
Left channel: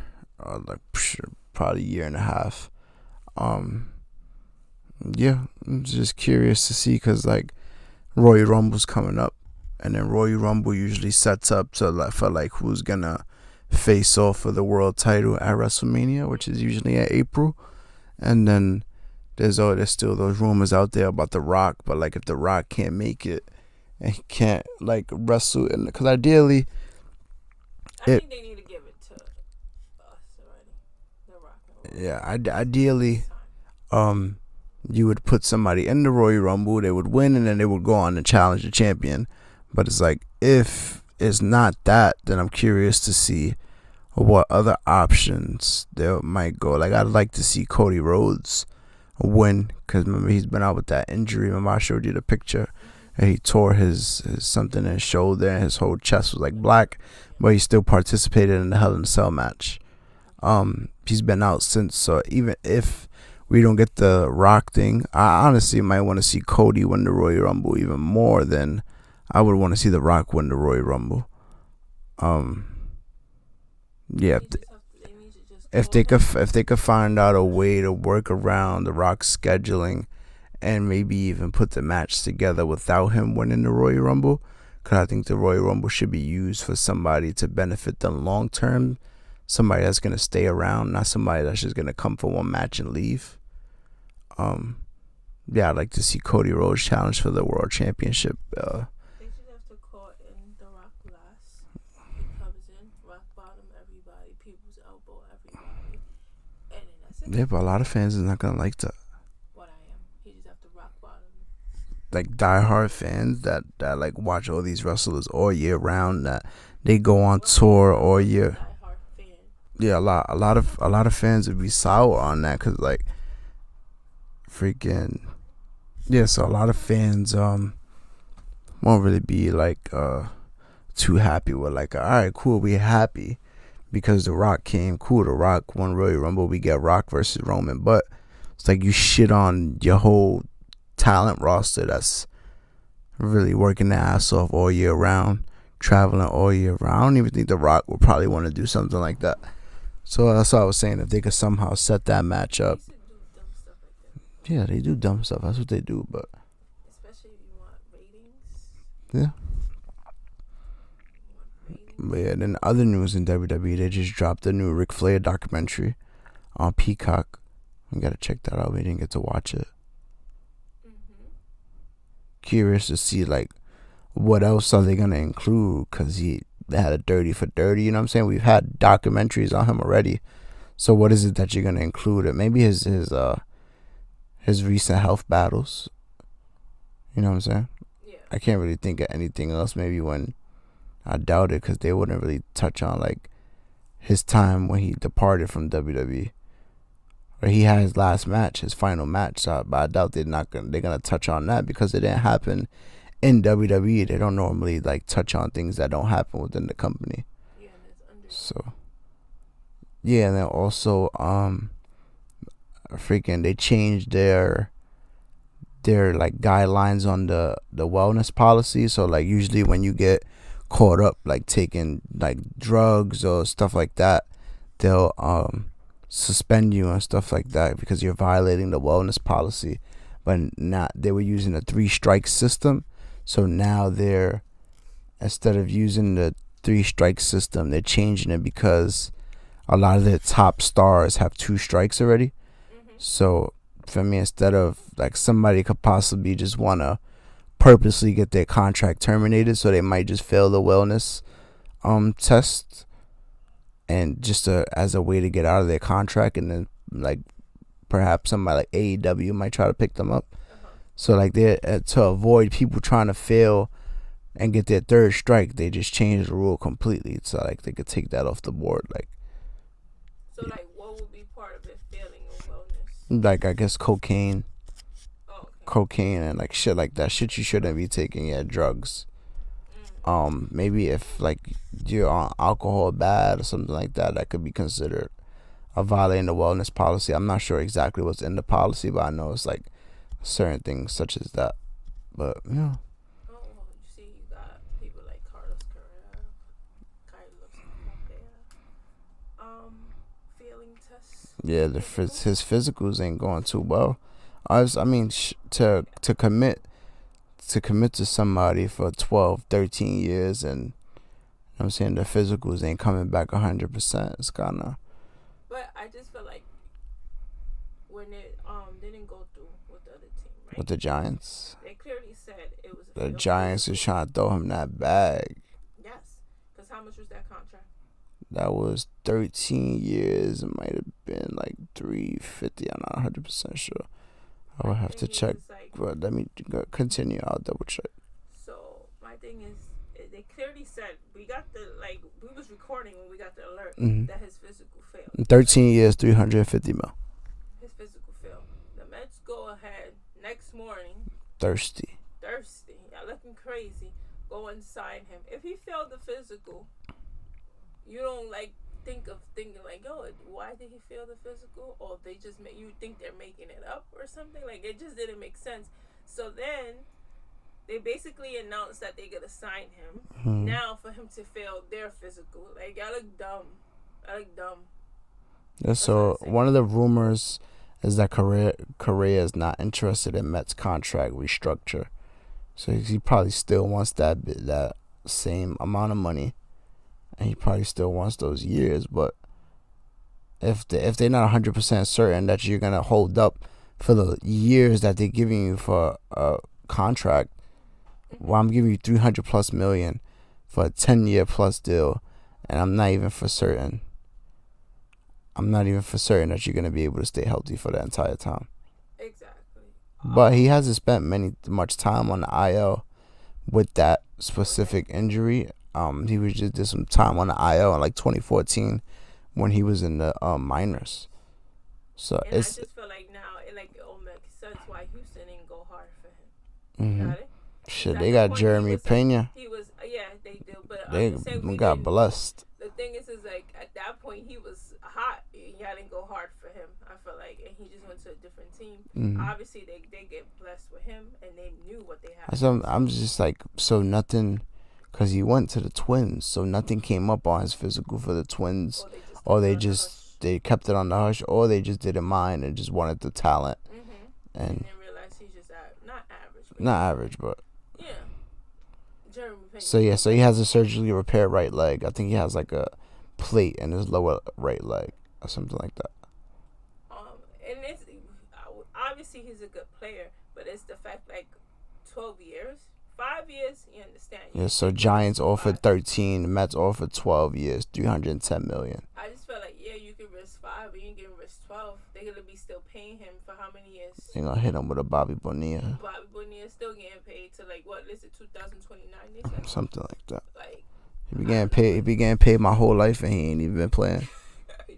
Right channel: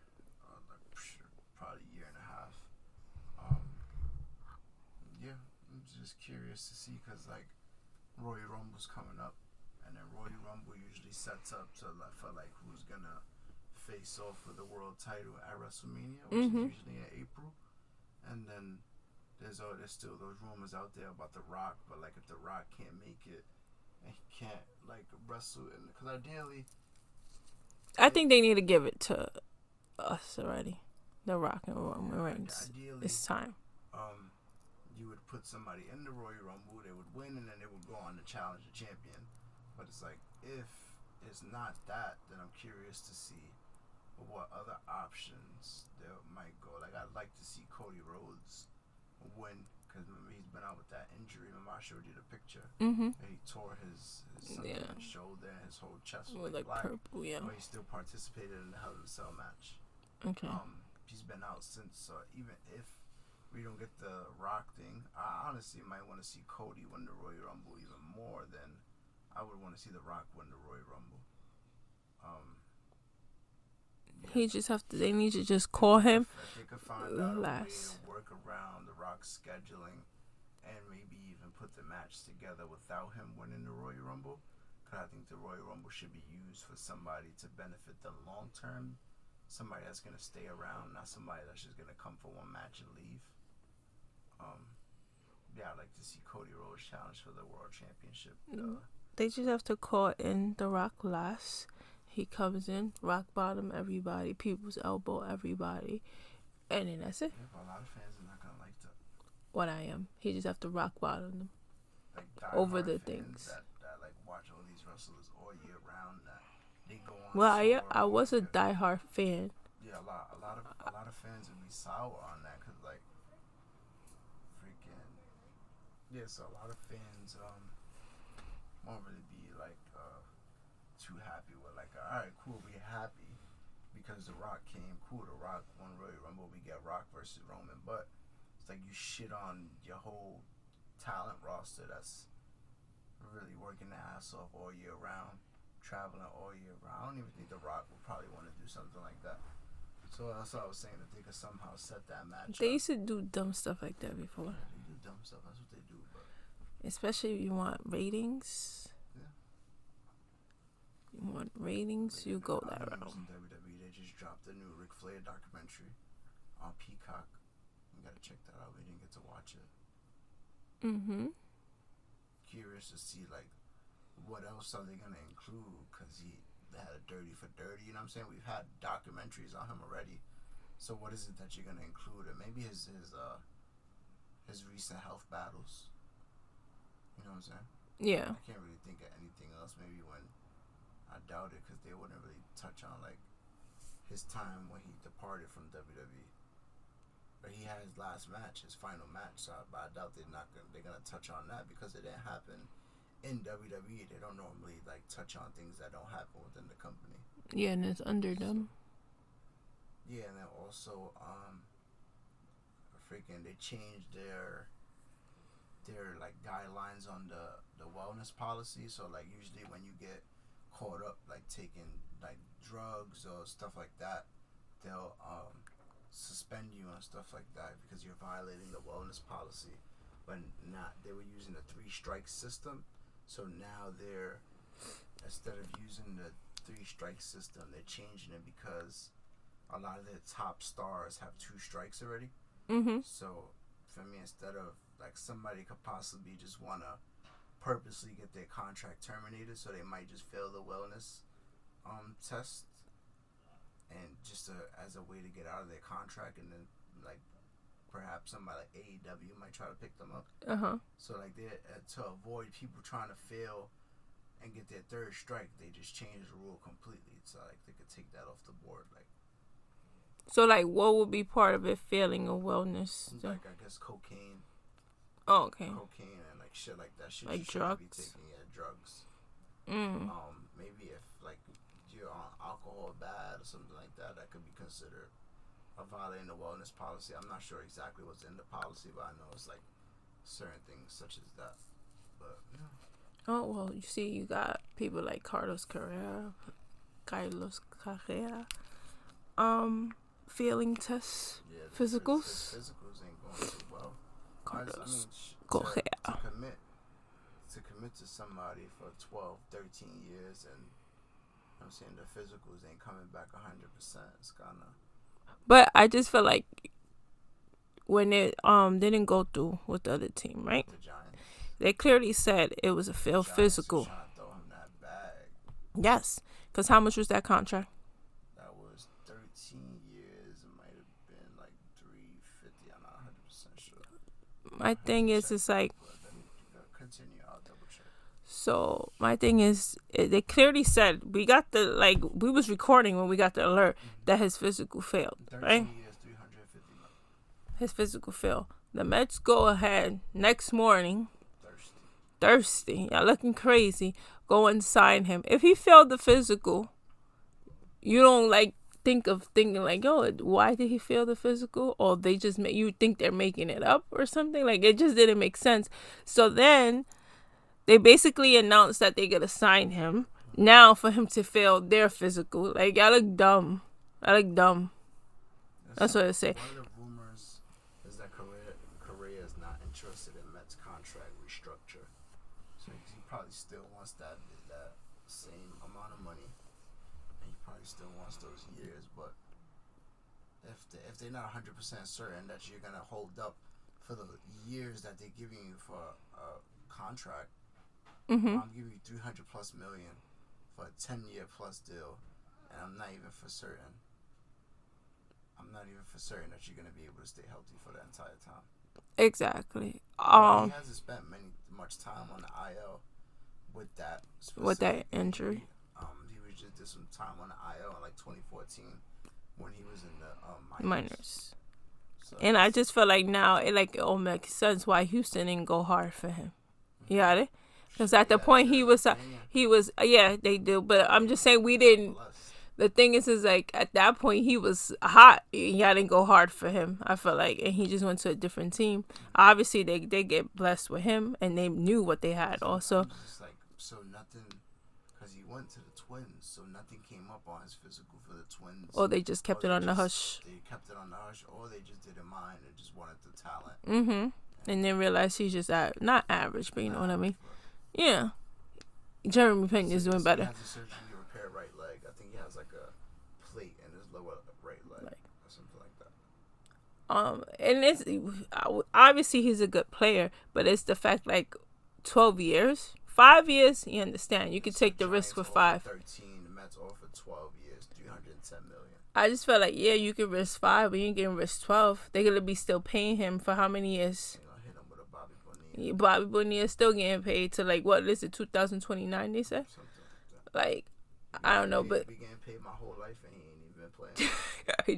probably a year and a half. Yeah, I'm just curious to see because like Royal Rumble's coming up, and then Royal Rumble usually sets up to for who's gonna face off for the world title at WrestleMania, which is usually in April. And then there's still those rumors out there about The Rock, but like if The Rock can't make it and he can't like wrestle, and because ideally, I think they need to give it to us already. The Rock and Roll. Yeah, ideally, you would put somebody in the Royal Rumble, they would win, and then they would go on and challenge the champion. But it's like, if it's not that, then I'm curious to see what other options there might go. Like, I'd like to see Cody Rhodes win, because remember, he's been out with that injury. Remember, I showed you the picture, and he tore his something in his shoulder, and his whole chest was like black, but he still participated in the Hell in a Cell match. Okay. He's been out since, so even if we don't get the Rock thing. I honestly might want to see Cody win the Royal Rumble even more than I would want to see the Rock win the Royal Rumble. Yeah. They need to just call him. If they could find out a way to work around the Rock's scheduling, and maybe even put the match together without him winning the Royal Rumble, because I think the Royal Rumble should be used for somebody to benefit them long term. Somebody that's going to stay around, not somebody that's just going to come for one match and leave. Yeah, I'd like to see Cody Rhodes challenge for the World Championship. They just have to call in the Rock last. He comes in, rock bottom everybody, people's elbow everybody, and then that's it. Yeah, but a lot of fans is not going to like that. What I am. He just have to rock bottom them. Like diehard fans that like watch all these wrestlers all year round, that they go on tour all year. I was a diehard fan. Yeah, a lot of fans would be sour on that, because like freaking so a lot of fans won't really be like too happy with like, all right, cool, we happy because the Rock came, cool, the Rock won Royal Rumble, we get Rock versus Roman, but it's like you shit on your whole talent roster that's really working their ass off all year round, traveling all year round. I don't even think the Rock would probably want to do something like that. So that's what I was saying. If they could somehow set that match up. They used to do dumb stuff like that before. Yeah, they do dumb stuff. That's what they do. But especially if you want ratings. Yeah. You want ratings. But yeah, then other news in WWE, they just dropped the new Ric Flair documentary on Peacock. You gotta check that out. We didn't get to watch it. Curious to see like what else are they gonna include, because they had a Dirty for 30. You know what I'm saying? We've had documentaries on him already. So what is it that you're gonna include? It maybe his recent health battles. You know what I'm saying? Yeah. I can't really think of anything else. Maybe when I doubt it, because they wouldn't really touch on like his time when he departed from WWE. Or he had his last match, his final match. So, but I doubt they're gonna touch on that, because it didn't happen in WWE. They don't normally like touch on things that don't happen within the company. Yeah, and it's under them. So yeah, and then also they changed their like guidelines on the wellness policy. So like usually when you get caught up like taking like drugs or stuff like that, they'll suspend you and stuff like that because you're violating the wellness policy. But not, they were using a 3-strike system, so now they're, instead of using the 3-strike system, they're changing it because a lot of their top stars have 2 strikes already. So for me, instead of like, somebody could possibly just want to purposely get their contract terminated, so they might just fail the wellness test, and just as a way to get out of their contract, and then like perhaps somebody like AEW might try to pick them up. So like they to avoid people trying to fail and get their 3rd strike, they just changed the rule completely, so like they could take that off the board. Like, so like what would be part of it failing a wellness? Like I guess cocaine. Oh, okay. Cocaine and like shit like that. Shit like you shouldn't be taking. Yeah, drugs. Maybe if like you're on alcohol bad or something like that, that could be considered a violating the wellness policy. I'm not sure exactly what's in the policy, but I know it's like certain things such as that. But yeah. Oh well, you see, you got people like Carlos Carrera, failing tests. Yeah, his physicals ain't going too well. To commit to somebody for 12, 13 years, and I'm saying the physicals ain't coming back 100%. It's kind of. But I just feel like when it didn't go through with the other team, right? With the Giants. They clearly said it was a failed physical. The Giants was trying to throw him that bag. Yes, because how much was that contract? That was 13 years. It might have been like $350. I'm not 100% sure. My thing is, it's like. But let me continue. I'll double check. So my thing is, they clearly said we was recording when we got the alert that his physical failed. 13 years, $350 million. His physical failed. The Mets go ahead next morning. Thirsty. Y'all looking crazy. Go and sign him. If he failed the physical, you don't like think of thinking like, yo, why did he fail the physical? Or they just you think they're making it up or something. Like, it just didn't make sense. So then they basically announced that they're gonna sign him now for him to fail their physical. Like, y'all look dumb. I look dumb. Yeah, so one of the rumors is that Correa is not interested in Mets contract restructure. So he probably still wants that same amount of money, and he probably still wants those years. But if they're not 100% certain that you're gonna hold up for the years that they're giving you for a contract, well, I'm giving you $300+ million for a 10-year plus deal, and I'm not even for certain that you're gonna be able to stay healthy for that entire time. Exactly. But he hasn't spent much time on the IL with that specific injury. He was just did some time on the IL in like 2014 when he was in the minors. So and I just feel like now it all makes sense why Houston didn't go hard for him. You got it? Because at the point he was they do. But I'm just saying we didn't. Blessed. The thing is like at that point he was hot. Y'all didn't go hard for him. I feel like, and he just went to a different team. Obviously they get blessed with him, and they knew what they had. So I'm just like, so nothing, because he went to the Twins, so nothing came up on his physical for the Twins. Or they just kept it on the hush. They kept it on the hush, or they just didn't mind and just wanted the talent. And then realized he's just not average, but not average, but yeah. Jeremy Pena. So he has a surgically repaired right leg. I think he has like a plate in his lower right leg or something like that. And it's obviously he's a good player, but it's the fact like 12 years, 5 years. You understand? You can so take the Giants risk for offered 5. 13, the Mets offered 12 years, $310 million. I just felt like you can risk 5, but you can risk 12. They're gonna be still paying him for how many years? You're gonna hit him with a Bobby Bonilla. Bobby Bonilla is still getting paid to like what is it, 2029? They said something like that. Like he be getting paid my whole life and he ain't even been playing.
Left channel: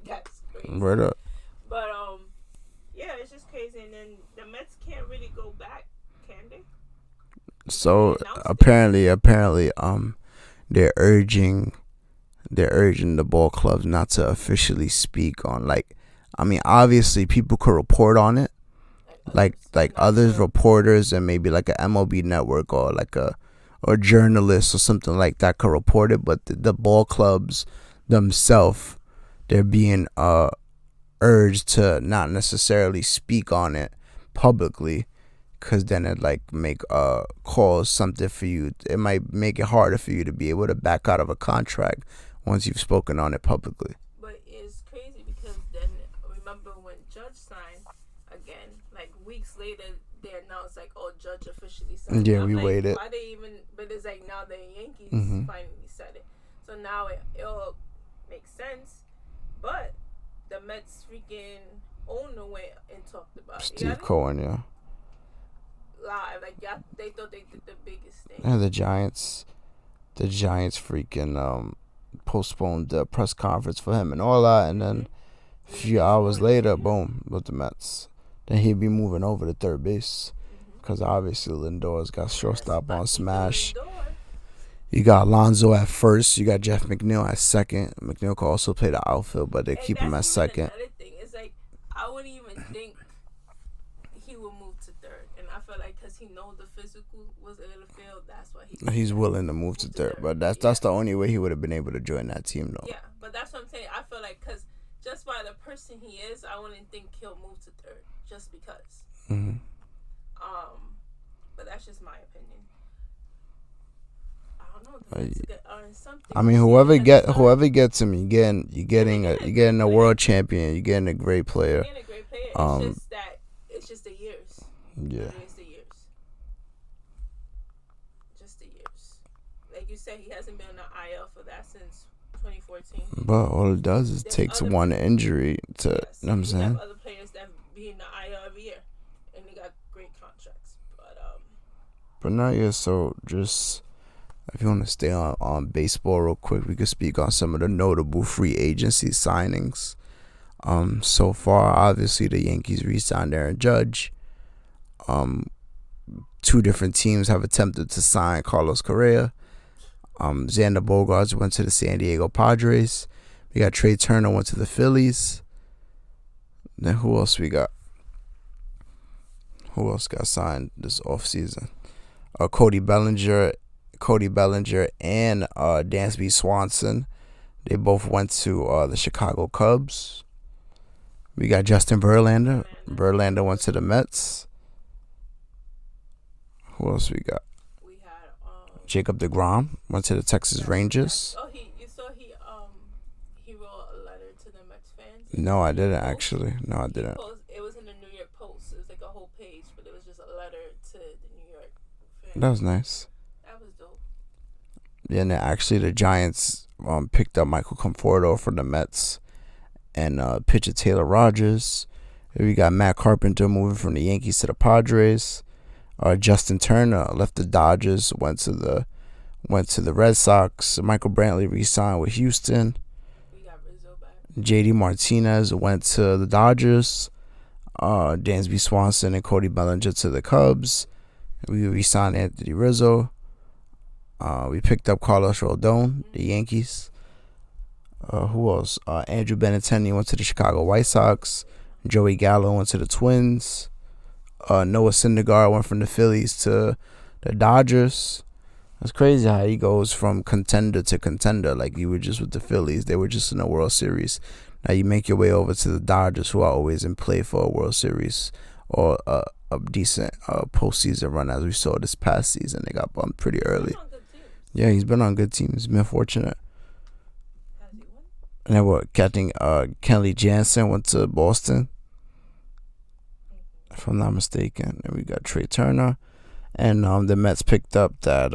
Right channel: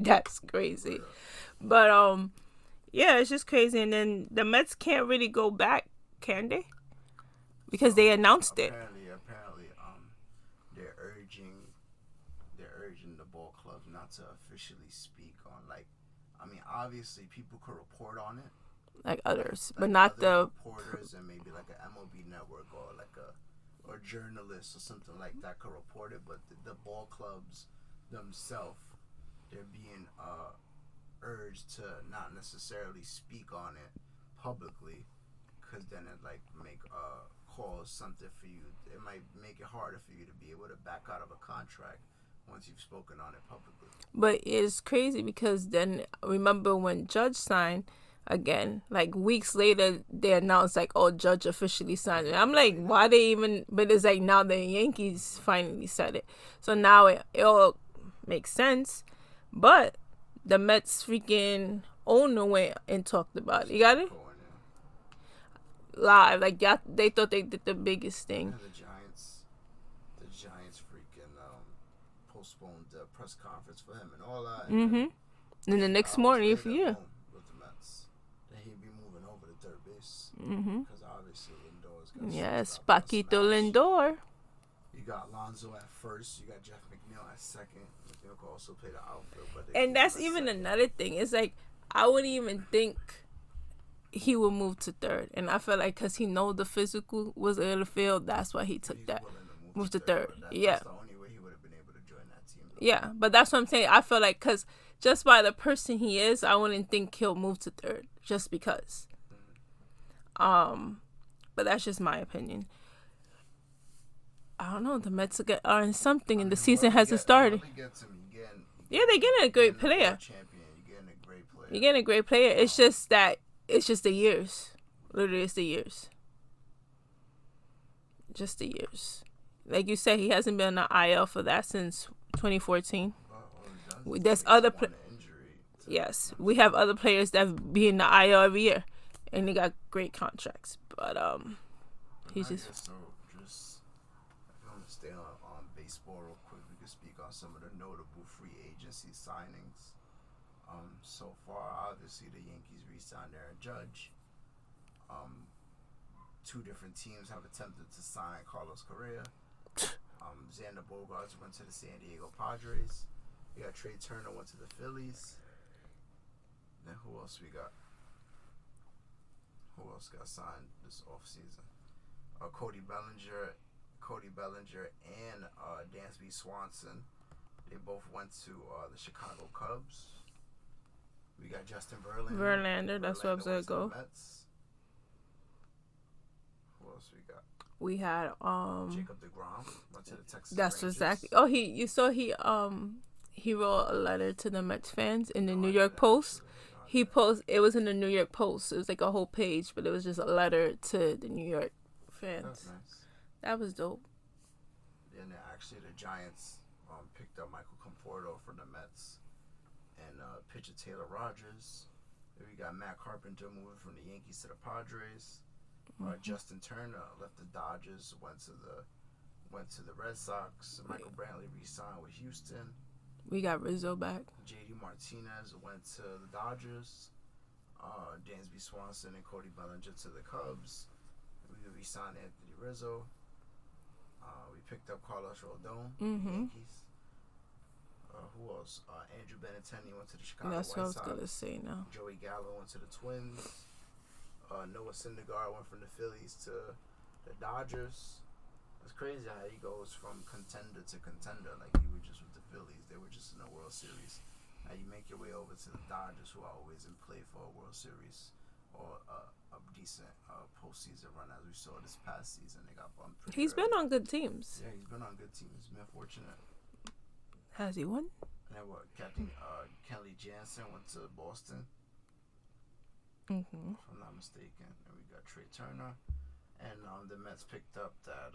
That's crazy. Right up. But yeah, it's just crazy. And then the Mets can't really go back, can they? Because they announced apparently, they're urging the ball clubs not to officially speak on, like, I mean, obviously people could report on it, like other reporters and maybe like a MLB network or like or journalists or something like that could report it, but the ball clubs themselves, they're being urged to not necessarily speak on it publicly. Because then it cause something for you. It might make it harder for you to be able to back out of a contract once you've spoken on it publicly. But it's crazy because then remember when Judge signed again, like weeks later they announced like, oh, Judge officially signed it. I'm like, why they even? But it's like now the Yankees finally said it, so now it all makes sense. But the Mets freaking owner went and talked about it. You got it? Cohen, yeah. Live, like they thought they did the biggest thing. And the Giants freaking postponed the press conference for him and all that, and then a few hours later, boom, with the Mets. Then he'd be moving over to third base because obviously Lindor's got shortstop on smash. Lindor. You got Alonso at first. You got Jeff McNeil at second. McNeil could also play the outfield, but they keep him at second. And another thing, it's like I wouldn't even think he would move to third, and I feel like because he know the physical was in the field, that's why he's willing to move to third. But that's the only way he would have been able to join that team, though. Yeah, but that's what I'm saying. I feel like because just by the person he is, I wouldn't think he'll move to third just because. But that's just my opinion. I don't know. The Mets are in something. I mean, whoever gets him, you're getting a world champion. You're getting a great player. You're getting a great player. It's just that. It's just the years. Yeah. Literally, it's the years. Just the years. Like you said, he hasn't been on the IL for that since 2014. But all it does is takes one injury to. Yes, we have other players that be in the IL every year, and they got great contracts. But now, yeah. So just if you want to stay on baseball real quick, we could speak on some of the notable free agency signings. So far, obviously, the Yankees re-signed Aaron Judge. 2 different teams have attempted to sign Carlos Correa. Xander Bogaerts went to the San Diego Padres. We got Trey Turner went to the Phillies. Then who else we got? Who else got signed this offseason? Cody Bellinger and Dansby Swanson. They both went to the Chicago Cubs. We got Justin Verlander. Verlander went to the Mets. Who else we got? We had Jacob deGrom went to the Texas Rangers. Exactly. He wrote a letter to the Mets fans in No, the I New York didn't Post. actually. No, I didn't. It was in the New York Post. It was like a whole page, but it was just a letter to the New York fans. That was nice. That was dope. Yeah, and then actually the Giants picked up Michael Conforto from the Mets and pitcher Taylor Rogers. We got Matt Carpenter moving from the Yankees to the Padres. Justin Turner left the Dodgers, went to the Red Sox. Michael Brantley re-signed with Houston. We got Rizzo back. JD Martinez went to the Dodgers. Dansby Swanson and Cody Bellinger to the Cubs. We re-signed Anthony Rizzo. We picked up Carlos Rodon, the Yankees. Who else? Andrew Benintendi went to the Chicago White Sox. Joey Gallo went to the Twins. Noah Syndergaard went from the Phillies to the Dodgers. It's crazy how he goes from contender to contender. Like, you were just with the Phillies. They were just in the World Series. Now you make your way over to the Dodgers, who are always in play for a World Series or a decent postseason run, as we saw this past season. They got bumped pretty early. He's been on good teams. Yeah, he's been on good teams. He's been fortunate. Has he won? And then what? Captain Kenley Jansen went to Boston, if I'm not mistaken. And we got Trey Turner. And the Mets picked up that,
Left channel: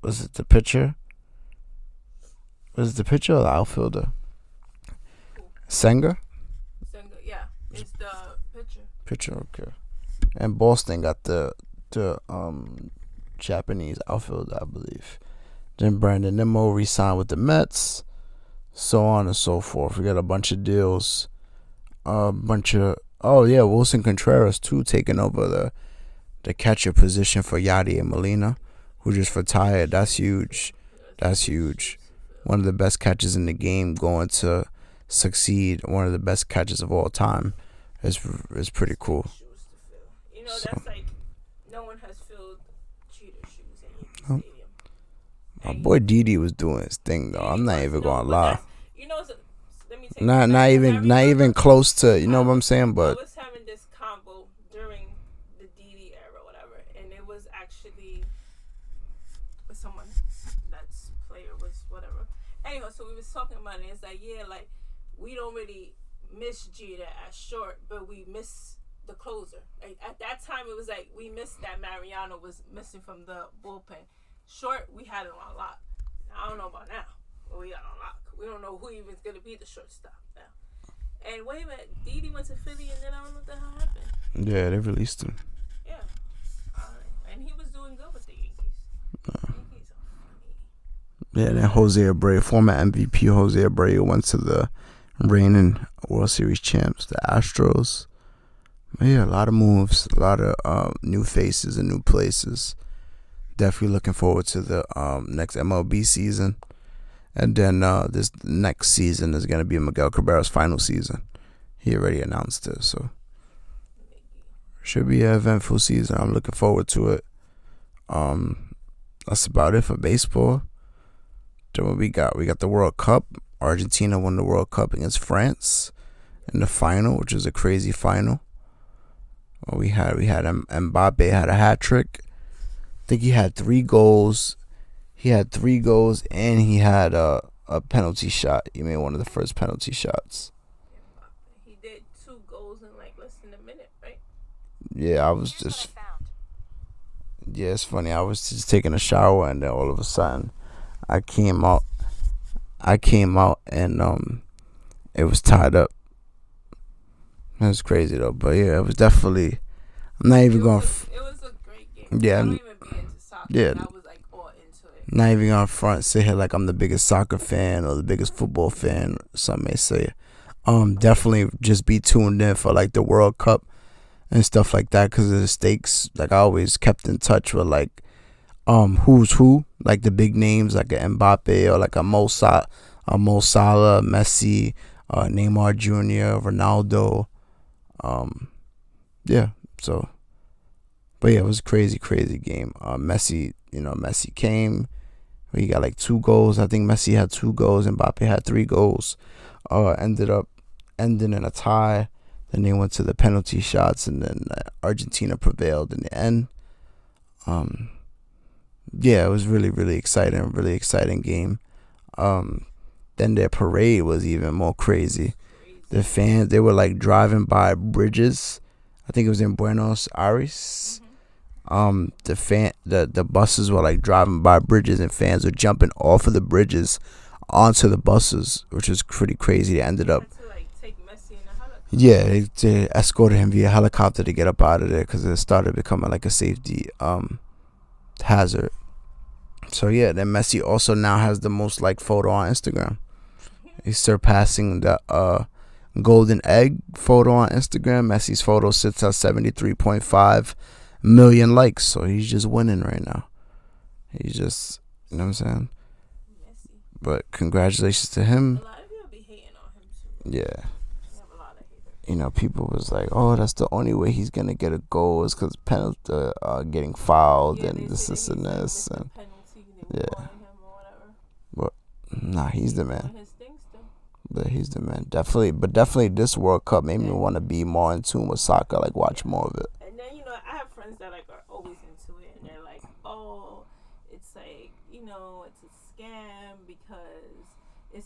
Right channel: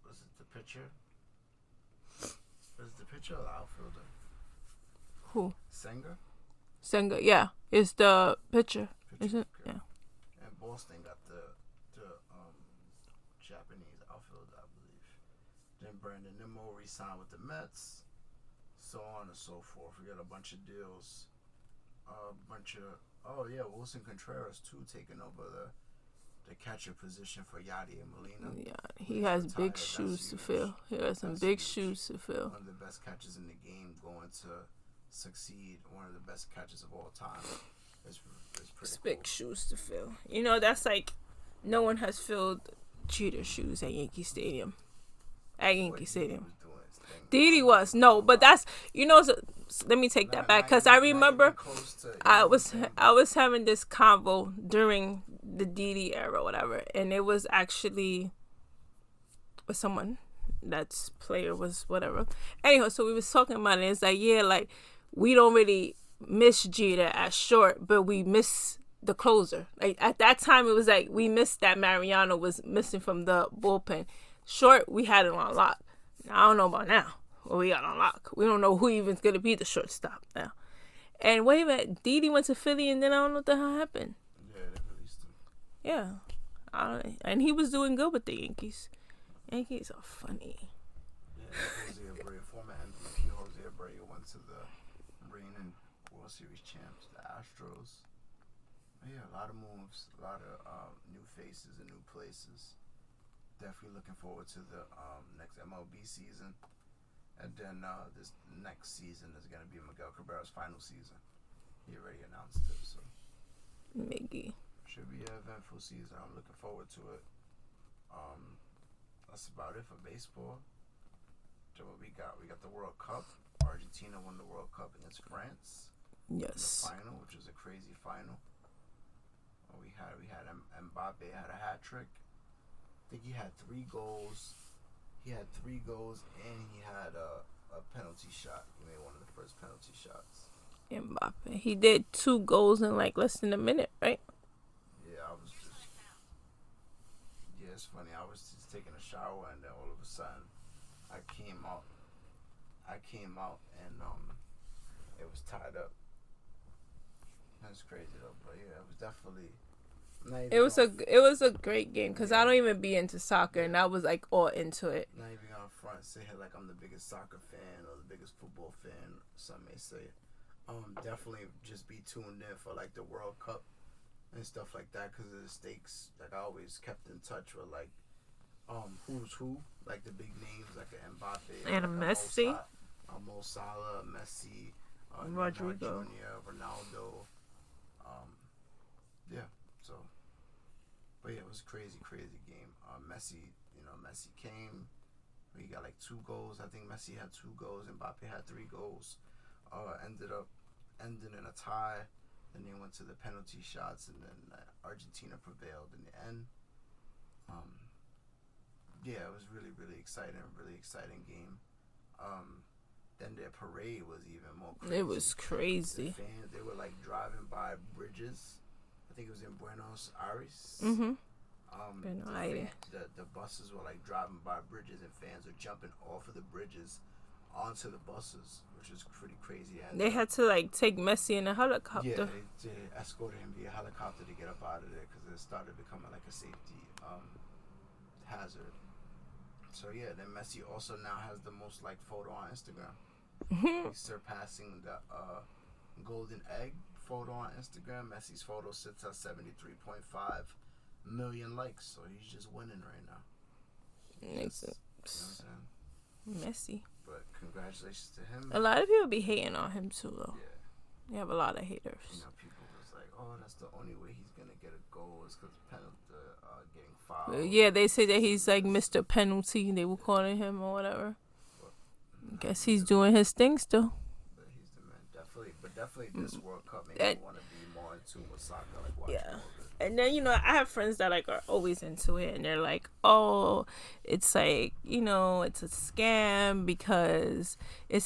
was it the pitcher? Was it the pitcher or the outfielder? Who? Senga, yeah. It's the pitcher. okay. Yeah. And Boston got the Japanese outfielder, I believe. Then Brandon Nimmo re-signed with the Mets. So on and so forth. We got a bunch of deals. Wilson Contreras too, taking over the catcher position for Yadier Molina, who just retired. That's huge. That's huge. One of the best catchers in the game going to succeed. One of the best catchers of all time. It's pretty cool. Big shoes to fill. You know, that's like no one has filled Jeter's shoes at Yankee Stadium. My boy Didi was doing his thing. Didi was that's let me take that back. Not even close to, you know what I'm saying? But I was having this convo during the Didi era, whatever, and it was actually with someone that's player was whatever. Anyhow, so we was talking about it. It's like, yeah, like we don't really miss Jeter at short, but we miss the closer. Like at that time, it was like we missed that Mariano was missing from the bullpen. Short, we had it on lock. Now, I don't know about now. What we got on lock. We don't know who even's gonna be the shortstop now. And wait a minute, Didi went to Philly, and then I don't know what the hell happened. Yeah, they released him. Yeah, and he was doing good with the Yankees. Yankees are funny. Yeah, then Jose Abreu, former MVP Jose Abreu, went to the reigning World Series champs, the Astros. But yeah, a lot of moves, a lot of new faces and new places. Definitely looking forward to the next MLB season. And then this next season is going to be Miguel Cabrera's final season. He already announced it, so should be an eventful season. I'm looking forward to it. That's about it for baseball. Then what we got the World Cup. Argentina won the World Cup against France in the final, which was a crazy final. We had Mbappe had a hat trick. I think he had 3 goals. He had 3 goals, and he had a penalty shot. He made one of the first penalty shots. Mbappe. He did 2 goals in like less than a minute, right? Yeah, it's funny. I was just taking a shower, and then all of a sudden, I came out, and it was tied up. It was crazy though, but yeah, it was definitely. I'm not even it was a great game. Cause I don't even be into soccer. Yeah, and I was like all into it. Not even on front say here like I'm the biggest soccer fan or the biggest football fan. Some may say. Definitely just be tuned in for like the World Cup and stuff like that because of the stakes. Like I always kept in touch with like who's who, like the big names like a Mbappe or like a Mo Salah, Messi, Neymar Jr., Ronaldo. Yeah, so, but yeah, it was a crazy game. Messi, Messi came. He got like 2 goals. I think Messi had 2 goals and Mbappe had 3 goals. Ended up ending in a tie. Then they went to the penalty shots, and then Argentina prevailed in the end. Yeah, it was really exciting game. Then their parade was even more crazy. It was crazy. The fans, they were like driving by bridges. I think it was in Buenos Aires. The buses were like driving by bridges, and fans were jumping off of the bridges onto the buses, which was pretty crazy. They had to like take Messi in a helicopter. Yeah, they escorted him via helicopter to get up out of there because it started becoming like a safety hazard. So yeah, then Messi also now has the most liked photo on Instagram. He's surpassing the golden egg photo on Instagram. Messi's photo sits at 73.5 million likes, so he's just winning right now. He's just, you know what I'm saying? Messi. But congratulations to him. A lot of people be hating on him too, though. Yeah. You have a lot of haters. People was like, oh, that's the only way he's gonna get a goal is because penalty getting fouled. Yeah, they say that he's like Mr. Penalty. They were calling him or whatever. But nah, he's the man. He's doing his thing still. But he's the man. Definitely this World Cup made me want to be more in tune with soccer, like watch more of it. And then, I have friends that like are always into it, and they're like, oh, it's like, it's a scam because it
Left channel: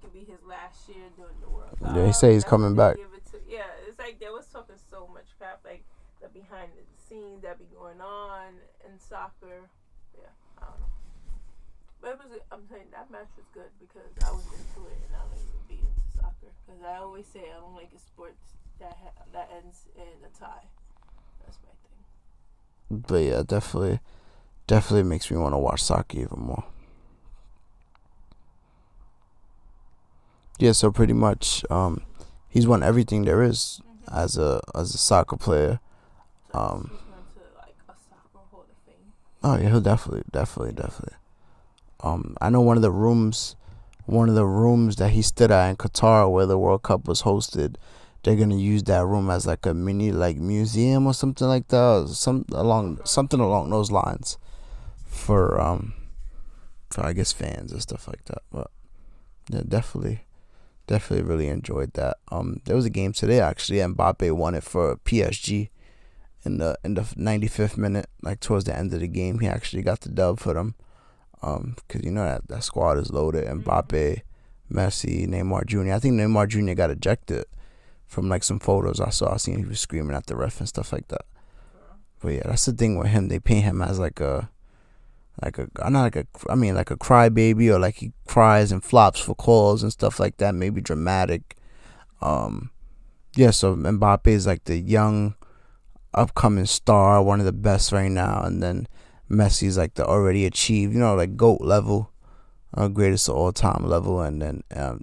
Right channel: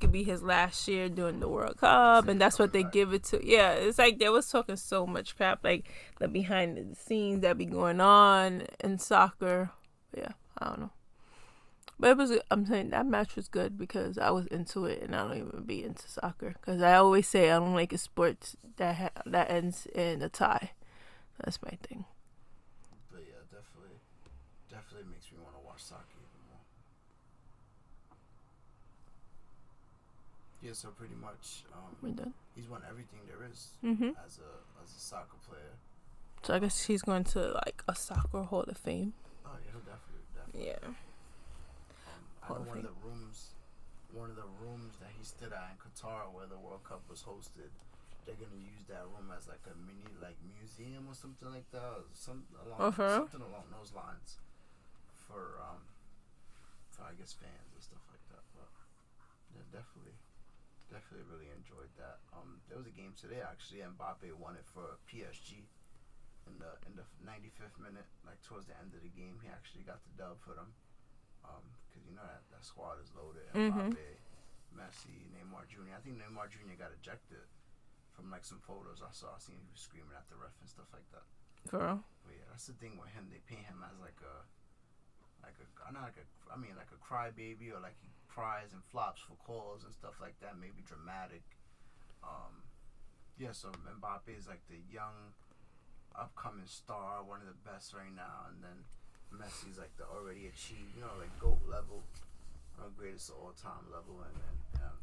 could be his last year during the World Cup. They say he's that's coming what they back. give it to. Yeah, it's like they was talking so much crap, like the behind the scenes that be going on in soccer. Yeah, I don't know. But I'm saying that match was good because I was into it, and I don't even be into soccer because I always say I don't like a sport that ends in a tie. That's my thing. But yeah, definitely makes me want to watch soccer even more. Yeah, so pretty much, he's won everything there is as a soccer player. So I guess he's going to like a soccer Hall of Fame. Oh yeah, he'll definitely. I know one of the rooms that he stood at in Qatar where the World Cup was hosted, they're gonna use that room as like a mini like museum or something like that, or something along those lines, for I guess fans and stuff like that. But yeah, definitely really enjoyed that. There was a game today actually, and Mbappe won it for PSG in the 95th minute, like towards the end of the game. He actually got the dub for them. Because that squad is loaded. Mbappe, Messi, Neymar Jr. I think Neymar Jr. got ejected from like some photos I saw. I seen he was screaming at the ref and stuff like that. Girl. But yeah, that's the thing with him. They paint him as like a crybaby, or like he cries and flops for calls and stuff like that. Maybe dramatic. Yeah. So Mbappe is like the young, upcoming star, one of the best right now, and then Messi's like the already achieved, like GOAT level, greatest of all time level, and then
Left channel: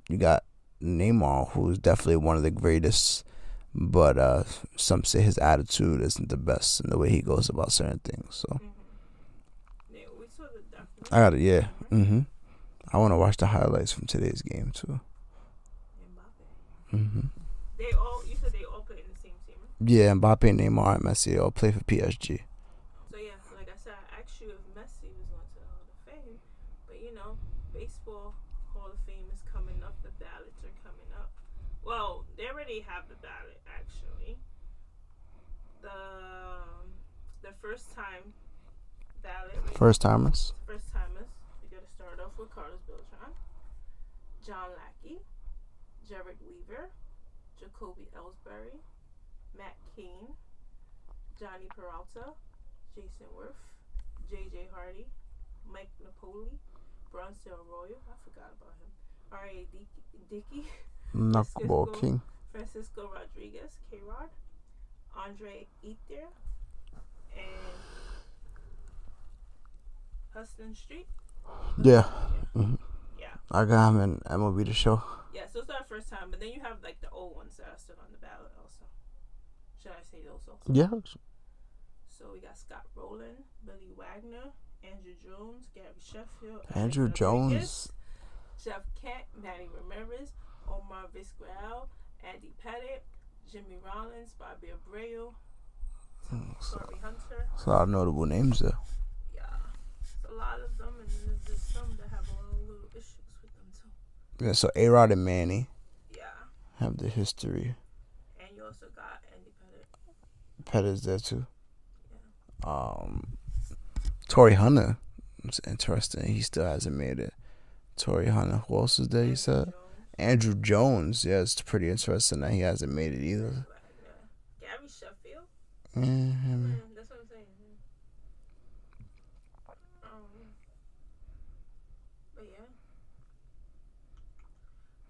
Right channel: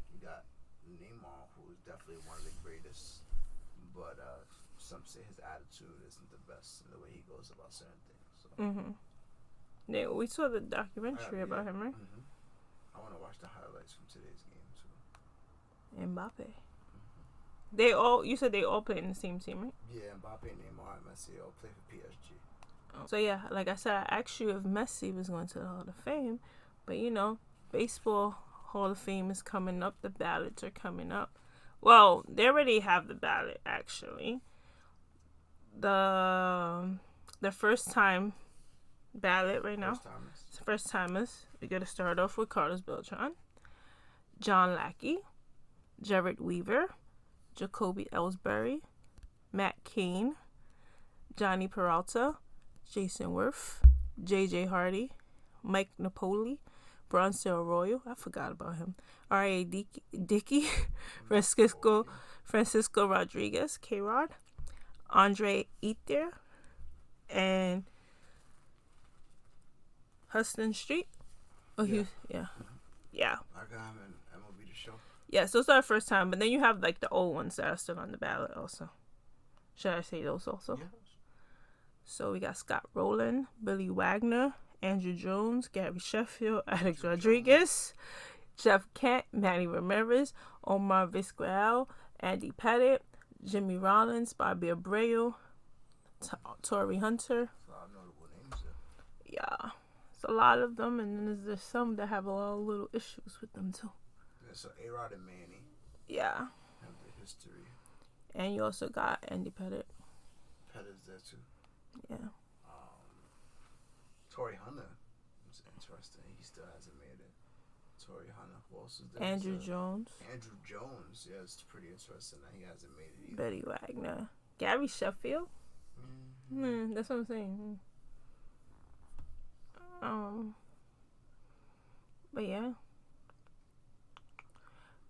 you got Neymar, who's definitely one of the greatest, but some say his attitude isn't the best in the way he goes about certain things. So yeah, we saw the documentary. I got it, yeah. About him, right? I want to watch the highlights from today's game too. Mbappe. You said they all play in the same team, right? Yeah, Mbappe, Neymar, and Messi all play for PSG. So yeah, like I said, I asked you if Messi was going to the Hall of Fame, but baseball Hall of Fame is coming up. The ballots are coming up. Well, they already have the ballot actually. The first time ballot right First now. First timers. We're gonna start off with Carlos Beltran, John Lackey, Jared Weaver, Jacoby Ellsbury, Matt Cain, Johnny Peralta, Jason Worth, J.J. Hardy, Mike Napoli, Bronson Arroyo, I forgot about him, R.A. Dickey, Francisco Rodriguez, K-Rod, Andre Ether, and Huston Street. Yeah. Yeah. I got him in MLB The Show. Yeah, so it's our first time, but then you have like the old ones that are still on the ballot also. Should I say those also? Yeah. So we got Scott Rowland, Billy Wagner, Andrew Jones, Gary Sheffield, Alex Andrew Rodriguez, Jeff Kent, Manny Ramirez, Omar Vizquel, Andy Pettit, Jimmy Rollins, Bobby Abreu, Tory Hunter. That's a lot of notable names there. Yeah, it's a lot of them, and then there's some that have a lot of little issues with them too. Yeah, so A-Rod and Manny. Yeah. Have the history. And you also got Andy Pettit. Pettit's there too. Yeah. Tory Hunter. It's interesting. He still hasn't made it. Tory Hunter. Who else is there? Andrew You said Jones. Andrew Jones. Yeah, it's pretty interesting that he hasn't made it either. Billy Wagner. Gary Sheffield. Mm-hmm. That's what I'm saying. But yeah.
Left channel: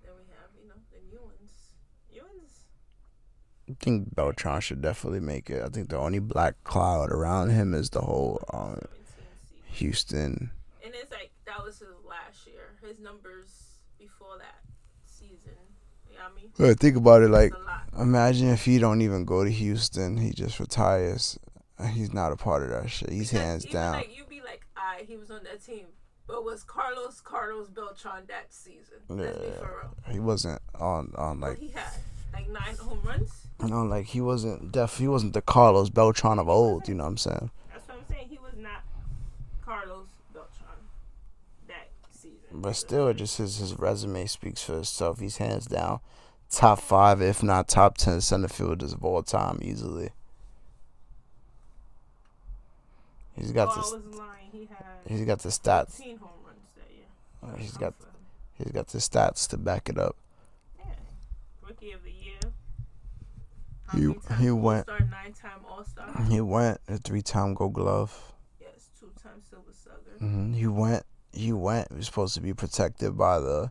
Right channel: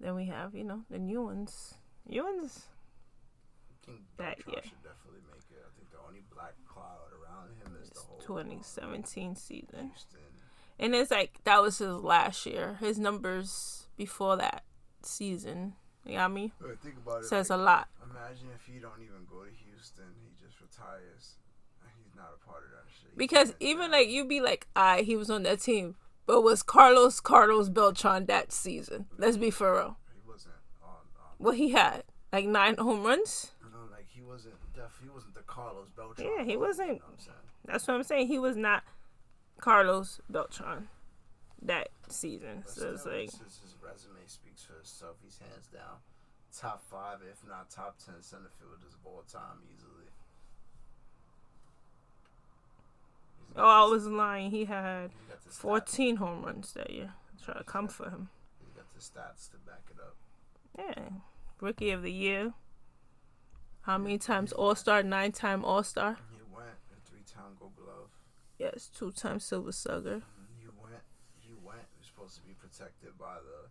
Then we have, the new ones. I think Beltran should definitely make it. I think the only black cloud around him is the whole 2017 season. Houston. And it's like that was his last year. His numbers before that season. You know what I mean? But think about it, That's like, a lot. Imagine if he don't even go to Houston, he just retires. He's not a part of that shit. He's because hands even down. like you'd be like, he was on that team. But was Carlos Beltran that season? Let's be for real. He wasn't on like, what he had. Like 9 home runs? Like he wasn't the Carlos Beltran of old, wasn't. you know what I'm saying? That's what I'm saying. He was not Carlos Beltran that season. But so still, just his resume speaks for itself. He's hands down top 5, if not top 10 center fielders of all time easily. He's got I was lying. He's got the stats. 14 home runs that year. Trying to come for him. He's got the stats to back it up. Yeah. Rookie of the year. How many times All-Star? 9-time All-Star. He went a 3-time Gold Glove. Yes, 2-time Silver Slugger. Mm-hmm. He went. He was supposed to be protected by the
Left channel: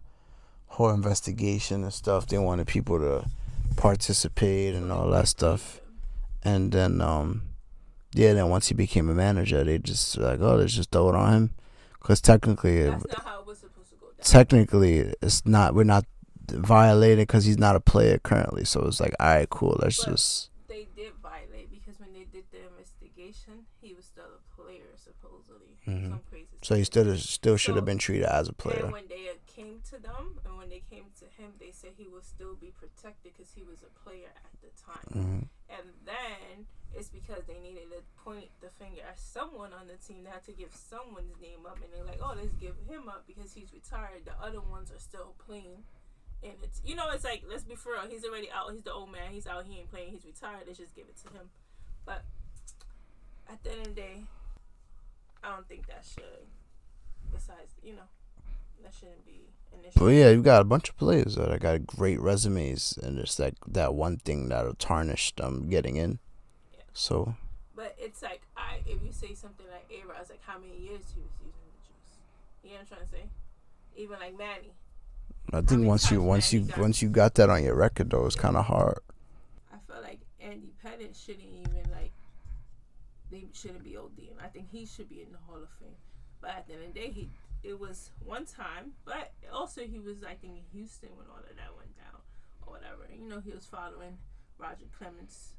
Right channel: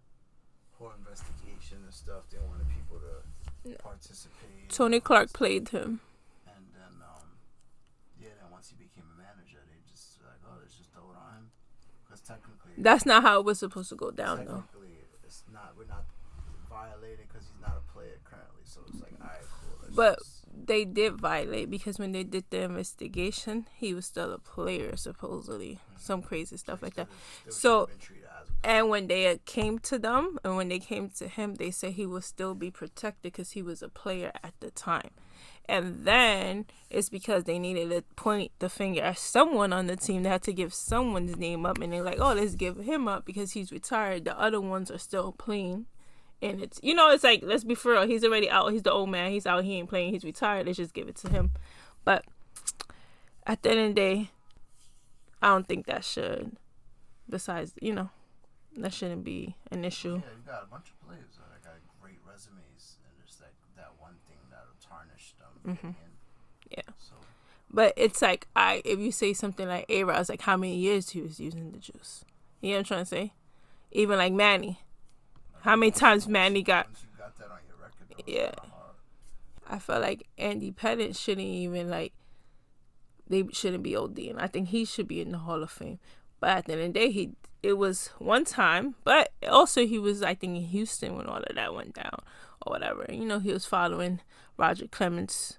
whole investigation and stuff. They wanted people to participate. Tony and all Clark that stuff. played him. And then, then once he became a manager, they just like, let's just throw it on him. Because technically, that's not how it was supposed to go down. Technically, it's not. We're not violated because he's not a player currently. So it's like, all right, cool. But they did violate because when they did the investigation, he was still a player supposedly. Mm-hmm. Some crazy stuff. So he still should have been treated as a player. And when they came to them and when they came to him, they said he would still be protected because he was a player at the time. Mm-hmm. And then it's because they needed to point the finger at someone on the team. They had to give someone's name up, and they're like, let's give him up because he's retired. The other ones are still playing. And it's, it's like, let's be for real. He's already out. He's the old man. He's out. He ain't playing. He's retired. Let's just give it to him. But at the end of the day, I don't think that should. Besides, that shouldn't be an issue. Well, yeah, you've got a bunch of players that got great resumes, and it's like that one thing that'll tarnish them getting in. Yeah. So. But it's like, if you say something like A-Rod, it's like how many years he was using the juice. You know what I'm trying to say? Even like Manny. How many times Manny got... Once you got that on your record, though, it's kind of hard. I feel like Andy Pettit shouldn't even, they shouldn't be ODing. I think he should be in the Hall of Fame. But at the end of the day, it was one time. But also he was, I think, in Houston when all of that went down or whatever. He was following Roger Clemens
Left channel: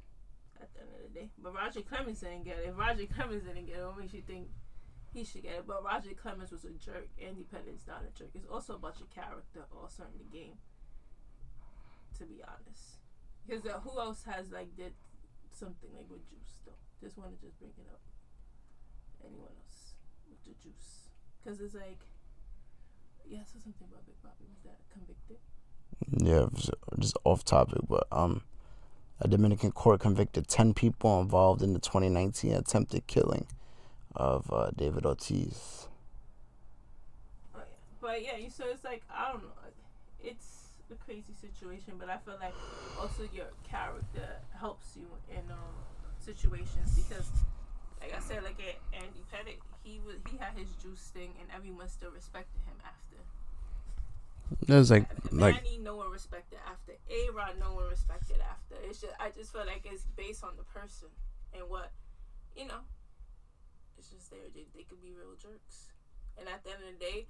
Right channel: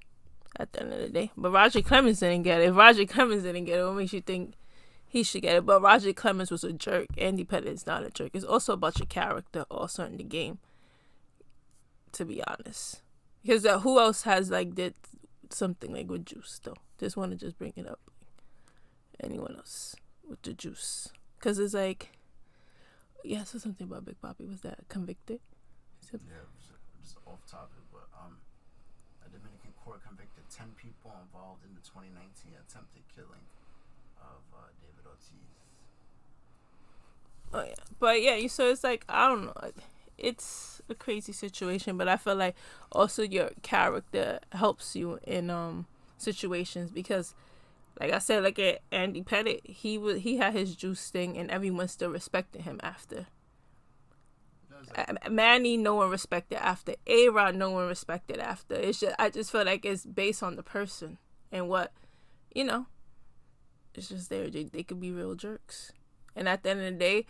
at the end of the day. But Roger Clemens didn't get it. If Roger Clemens didn't get it, what makes you think he should get it? But Roger Clemens was a jerk. Andy Pettit is not a jerk. It's also about your character also in the game, to be honest. Because who else has did something with juice though? Just want to bring it up. Anyone else with the juice? Because it's so something about Big Papi. Was that convicted? Yeah, it was just off topic, but a Dominican court convicted 10 people involved in the 2019 attempted killing of David Ortiz. Oh yeah, but yeah, so it's I don't know, it's a crazy situation, but I feel like also your character helps you in situations because, like I said, at Andy Pettit, he had his juice thing, and everyone still respected him after. There's Manny, no one respected after. A-Rod, no one respected after. I just feel like it's based on the person and what, it's just they could be real jerks. And at the end of the day,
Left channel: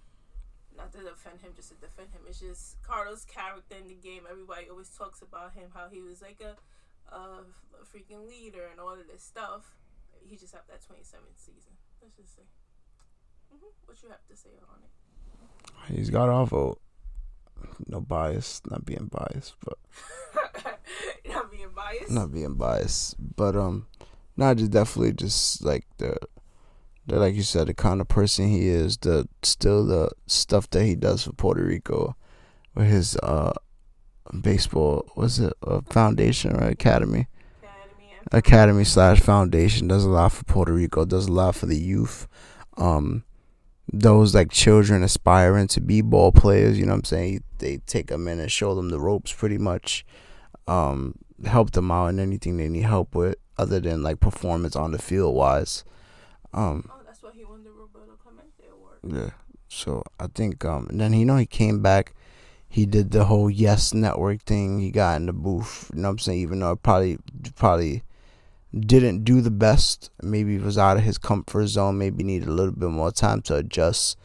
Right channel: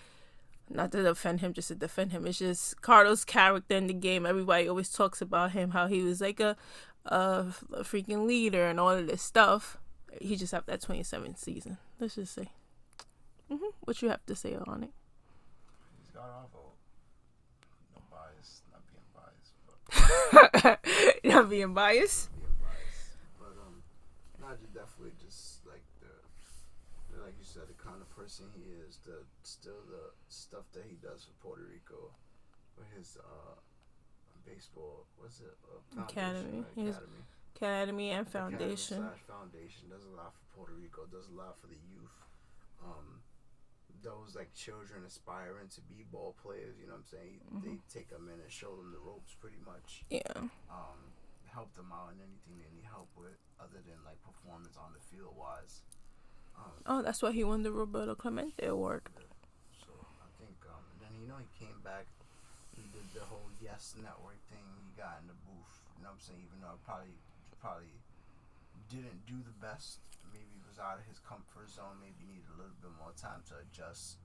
not to defend him, just to defend him. It's just Carlos' character in the game. Everybody always talks about him, how he was a freaking leader and all of this stuff. He just had that 27th season. Let's just say. What you have to say on it? He's got our vote. No bias, not being biased, but not being biased. But not just definitely just like the like you said, the kind of person he is. The stuff that he does for Puerto Rico, with his baseball, was it a foundation, right? Academy. Academy / foundation does a lot for Puerto Rico. Does a lot for the youth. Those like children aspiring to be ball players, you know what I'm saying? They take them in and show them the ropes pretty much. Yeah. Help them out in anything they need help with, other than like performance on the field wise. That's why he won the Roberto Clemente Award. Yeah. So I think and then he came back. He did the whole Yes Network thing. He got in the booth, you know what I'm saying? Even though it probably didn't do the best. Maybe he was out of his comfort zone. Maybe needed a little bit more time to adjust.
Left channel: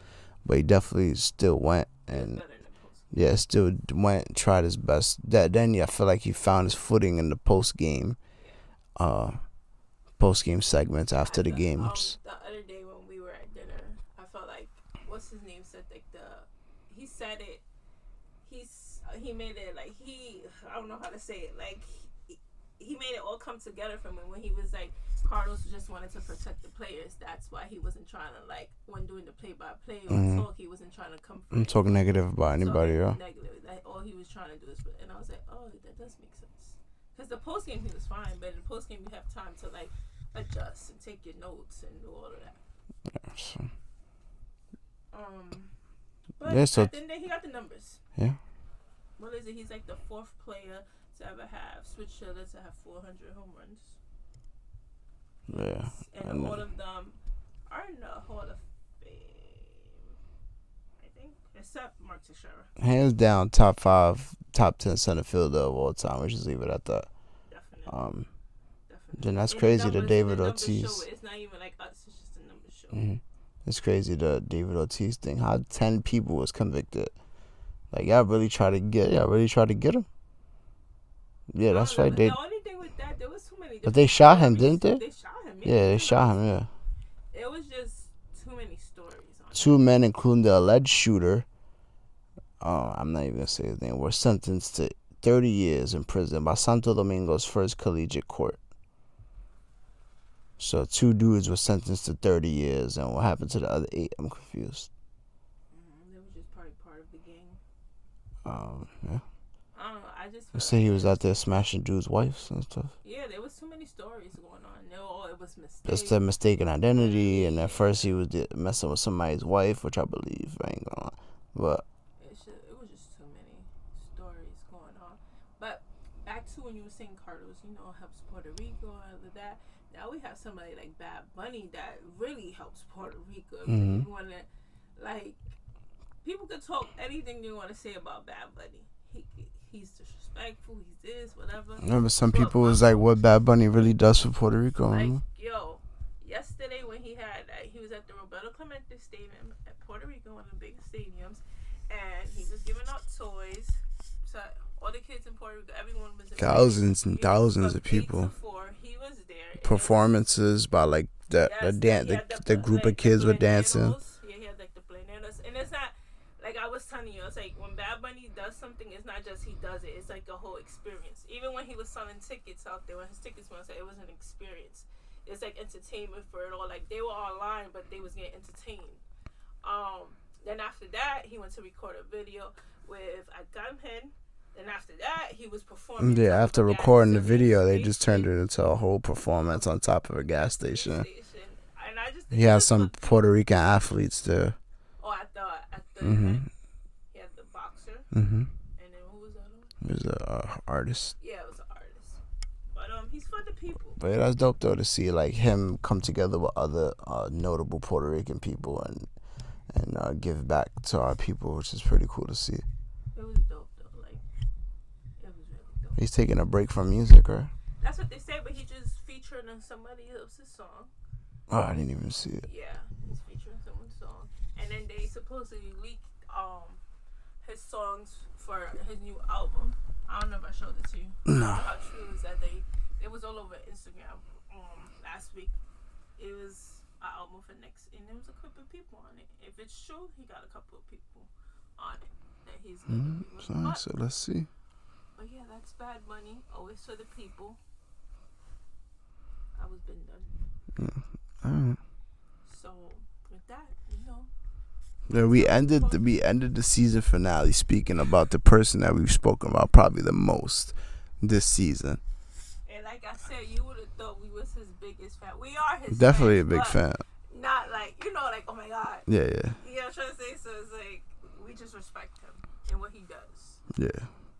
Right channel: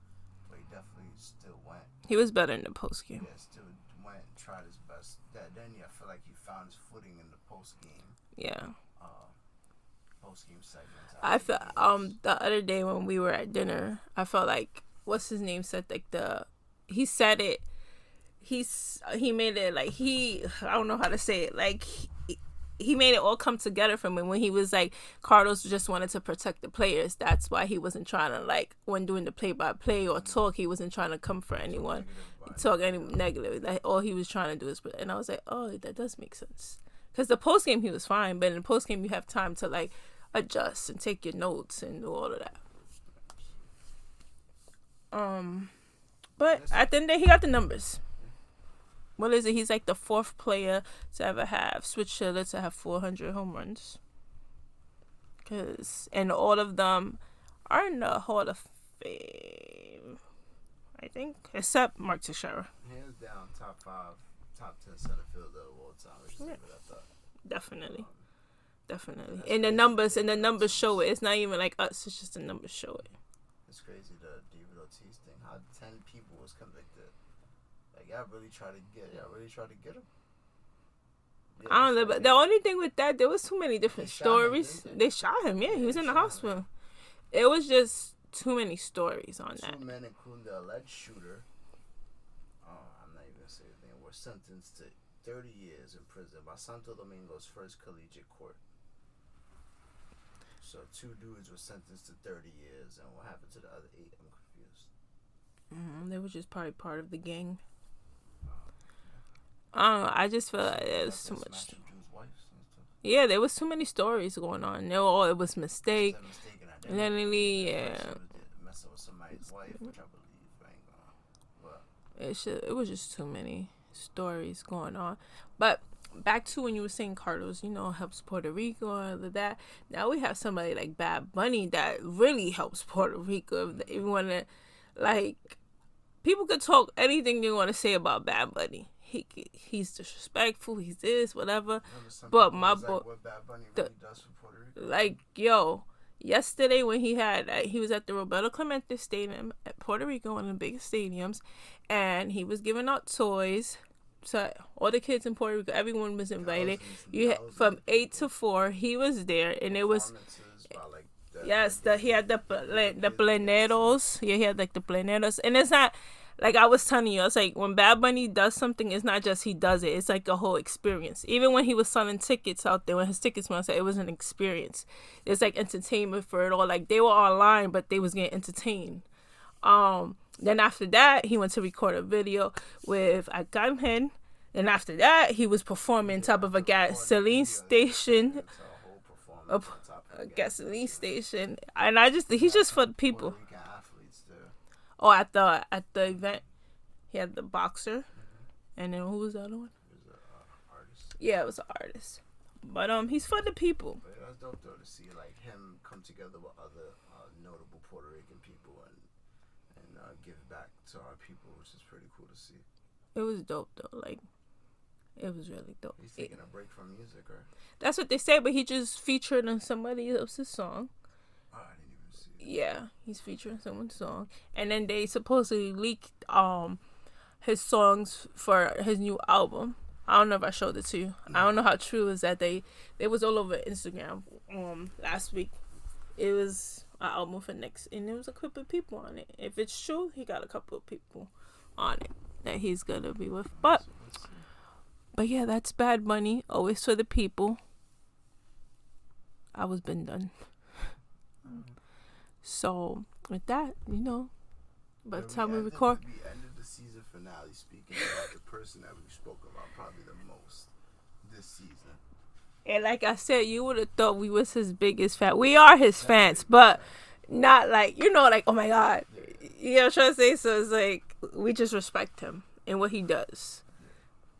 But he definitely still went. He was better in the post game. Yeah, still went and tried his best. Then I feel like he found his footing in the post game. Yeah. Post game segments after the games. The other day when we were at dinner, I felt like what's his name said like he said it. He made it like I don't know how to say it, like he made it all come together for me when he was like, Carlos just wanted to protect the players. That's why he wasn't trying to, like, when doing the play-by-play or talk, he wasn't trying to come for anyone. Talk negative about anybody. Negative. Like, all he was trying to do is, and I was like, oh, that does make sense. Because the post game he was fine, but in the post game you have time to like adjust and take your notes and do all of that. But at the end of the day, he got the numbers. Yeah. What is it? He's like the 4th player to ever have switch hitters to have 400 home runs. And all of them are in the Hall of Fame, I think, except Mark Teixeira. Hands down, top 5, top 10 center fielder of all time. We should leave it at that. Definitely. Then that's and crazy. The numbers show it. It's not even like us. It's just the numbers show it. It's crazy, the David Ortiz thing. How 10 people was convicted. Like, y'all really try to get him. Yeah, that's right. The only thing with that, there was too many different. But they shot stories. him, didn't they? They shot him. Yeah, they shot him. Yeah. It was just too many stories on. 2 men, including the alleged shooter. I'm not even gonna say his name. Were sentenced to 30 years in prison by Santo Domingo's first collegiate court. So 2 dudes were sentenced to 30 years, and what happened to the other 8? I'm confused. They were just probably part of the gang. Yeah. I just feel like he was out there smashing dudes' wives and stuff. Yeah, there was too many stories going on. It was mistake. It's the mistaken identity, and at first he was messing with somebody's wife, which I believe. I ain't gonna lie. But it was just too many stories going on. But back to when you were saying Carlos, helps Puerto Rico and all of that. Now we have somebody like Bad Bunny that really helps Puerto Rico. If you want to, like, people could talk anything they want to say about Bad Bunny. He's disrespectful. He's this, whatever. Remember, some people was like, "What Bad Bunny really does for Puerto Rico?" Like, yesterday when he was at the Roberto Clemente Stadium at Puerto Rico, one of the biggest stadiums, and he was giving out toys to all the kids in Puerto Rico. Everyone was invited. Thousands and thousands of people. From 8 to 4, he was there. And performances by like the group of kids were dancing. Yeah, he had like the pleneros, and it's not. Like I was telling you, it's like when Bad Bunny does something, it's not just he does it. It's like a whole experience. Even when he was selling tickets out there, when his tickets went out, it was an experience. It's like entertainment for it all. Like they were online, but they was getting entertained. Then after that, he went to record a video with Agamhen. Then after that, he was performing top of a gas station. They just turned it into a whole performance on top of a gas station. And I just think he had some Puerto Rican athletes there. Oh, at the event, he had the boxer, and then who was the other one? It was an artist. Yeah, it was an artist. But he's for the people. But that's dope though to see like him come together with other notable Puerto Rican people and give back to our people, which is pretty cool to see. It was dope though. Like, it was really dope. He's taking a break from music, right? That's what they say, but he just featured on somebody else's song. Oh, I didn't even see it. Yeah, he's featuring someone's song, and then they supposedly leaked his songs for his new album. I don't know if I showed it to you. I don't know how true is that. They was all over Instagram last week. It was an album for next, and there was a couple of people on it. If it's true, he got a couple of people on it that he's gonna be with. So let's see. But yeah, that's Bad Bunny. Always for the people. I was been done. Yeah. All right. So with that, Yeah, we ended the season finale speaking about the person that we've spoken about probably the most this season. And like I said, you would have thought we was his biggest fan. We are his Definitely fans, a big but fan. not like like, oh my God. Yeah. You know what I'm trying to say? So it's like we just respect him and what he does. Yeah.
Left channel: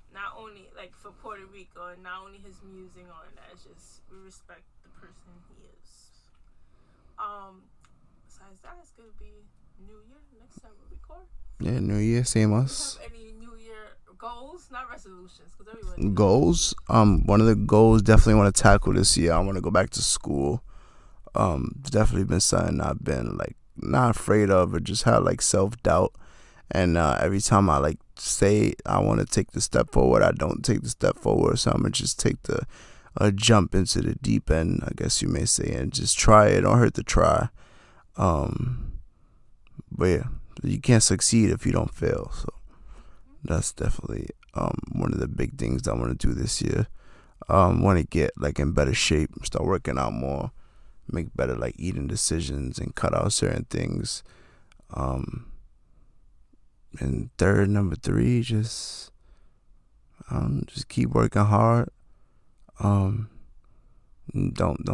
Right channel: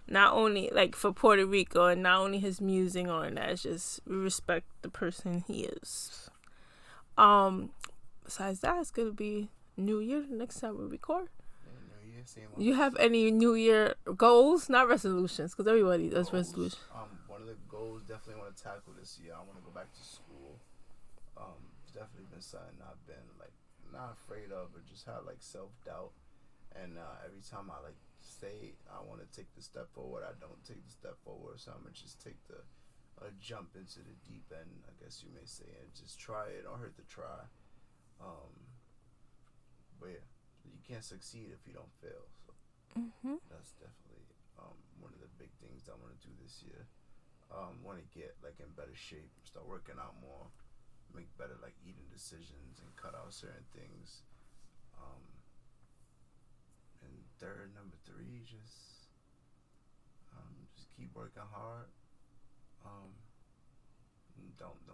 Not only like for Puerto Rico and not only his music on that, it's just we respect the person he is. Besides that, it's gonna be New Year next time we record. Yeah, New Year, same us. You have any New Year goals? Not resolutions, because everybody does goals. One of the goals definitely want to tackle this year. I want to go back to school. Definitely been something I've been like not afraid of, but just had like self-doubt. And every time I like say I want to take the step forward, I don't take the step forward. So I'm gonna just take the jump into the deep end, I guess you may say, and just try it. Don't hurt to try. But yeah, you can't succeed if you don't fail. So that's definitely one of the big things I want to do this year. Want to get like in better shape, start working out more, make better like eating decisions, and cut out certain things. And number three, just keep working hard. Don't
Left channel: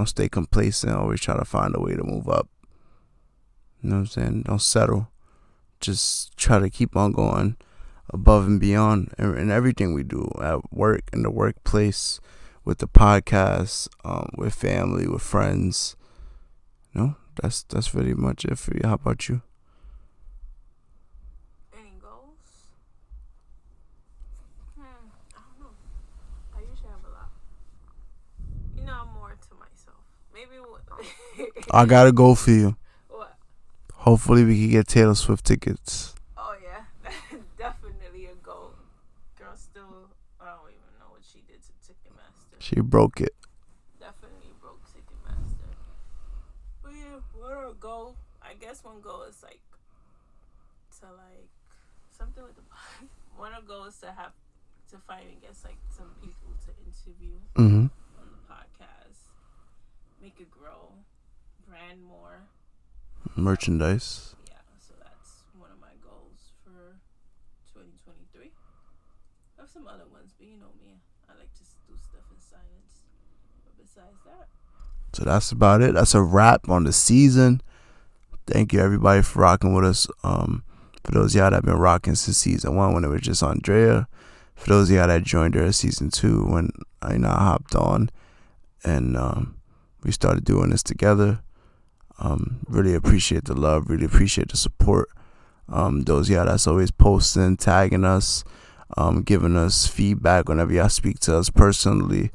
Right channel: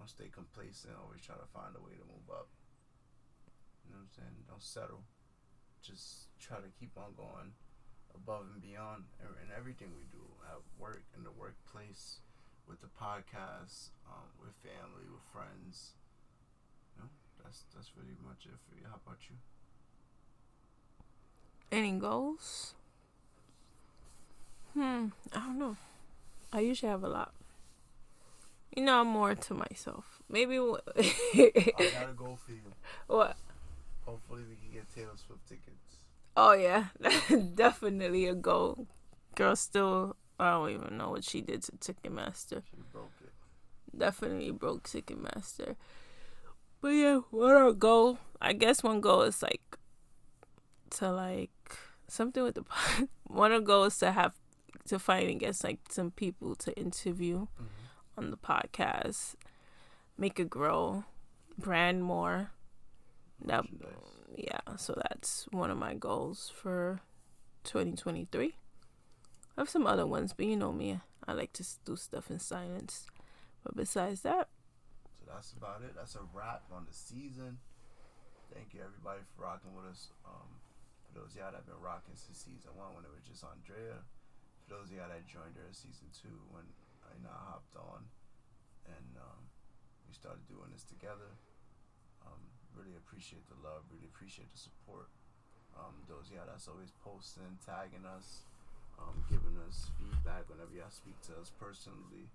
stay complacent. Always try to find a way to move up. You know what I'm saying? Don't settle. Just try to keep on going above and beyond in everything we do at work, in the workplace, with the podcast, with family, with friends. That's pretty much it for you. How about you? Any goals? I don't know. I usually have a lot. I'm more to myself. Maybe. I got a goal for you. What? Hopefully we can get Taylor Swift tickets. Oh yeah, that's definitely a goal. Girl, still, I don't even know what she did to Ticketmaster. She broke it. Definitely broke Ticketmaster. But yeah, what our goal? I guess one goal is something with the one goal is to find and get some people to interview on the podcast, make it grow, brand more merchandise. So that's one of my goals for 2023. I have some other ones, but you know me, I like to do stuff in silence. But besides that, so that's about it. That's a wrap on the season. Thank you everybody for rocking with us. For those of y'all that have been rocking since season 1 when it was just Andrea. For those of y'all that joined her season 2 when I hopped on and we started doing this together. Really appreciate the love. Really appreciate the support. Those of y'all that's always posting, tagging us, giving us feedback whenever y'all speak to us personally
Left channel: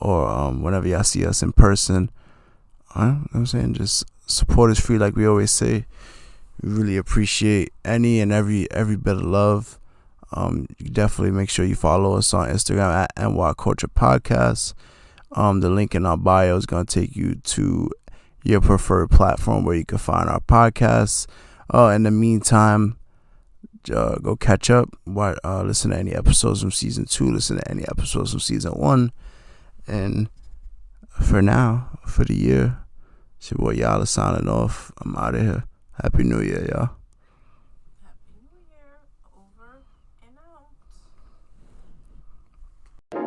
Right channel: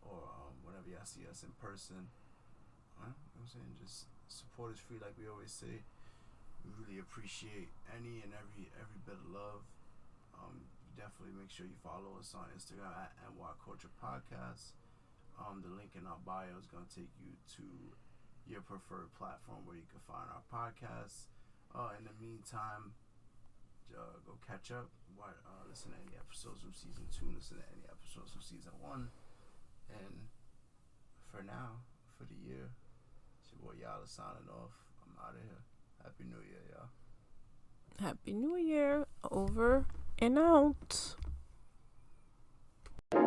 or whenever y'all see us in person. You know what I'm saying? Just support is free, like we always say. We really appreciate any and every bit of love. You definitely make sure you follow us on Instagram at NY Culture Podcast. The link in our bio is going to take you to your preferred platform where you can find our podcasts. In the meantime, go catch up. Listen to any episodes from season 2. Listen to any episodes from season 1. And for now, for the year, it's your boy YALA signing off. I'm out of here. Happy New Year, y'all. Happy New Year. Over and out.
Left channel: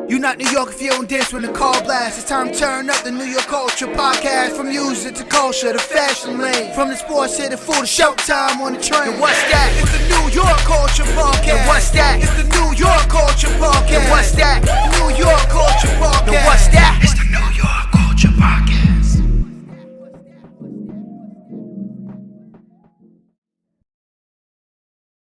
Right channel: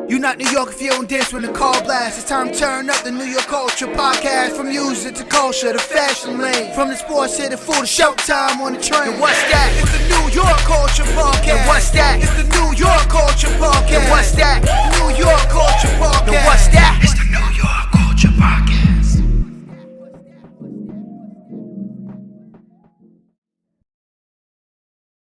You not New York if you don't dance when the call blast. It's time to turn up the New York Culture Podcast. From music to culture, the fashion lane. From the sports to the food, to showtime on the train. And what's that? It's the New York Culture Podcast. And what's that? It's the New York Culture Podcast. And what's that? New York Culture Podcast.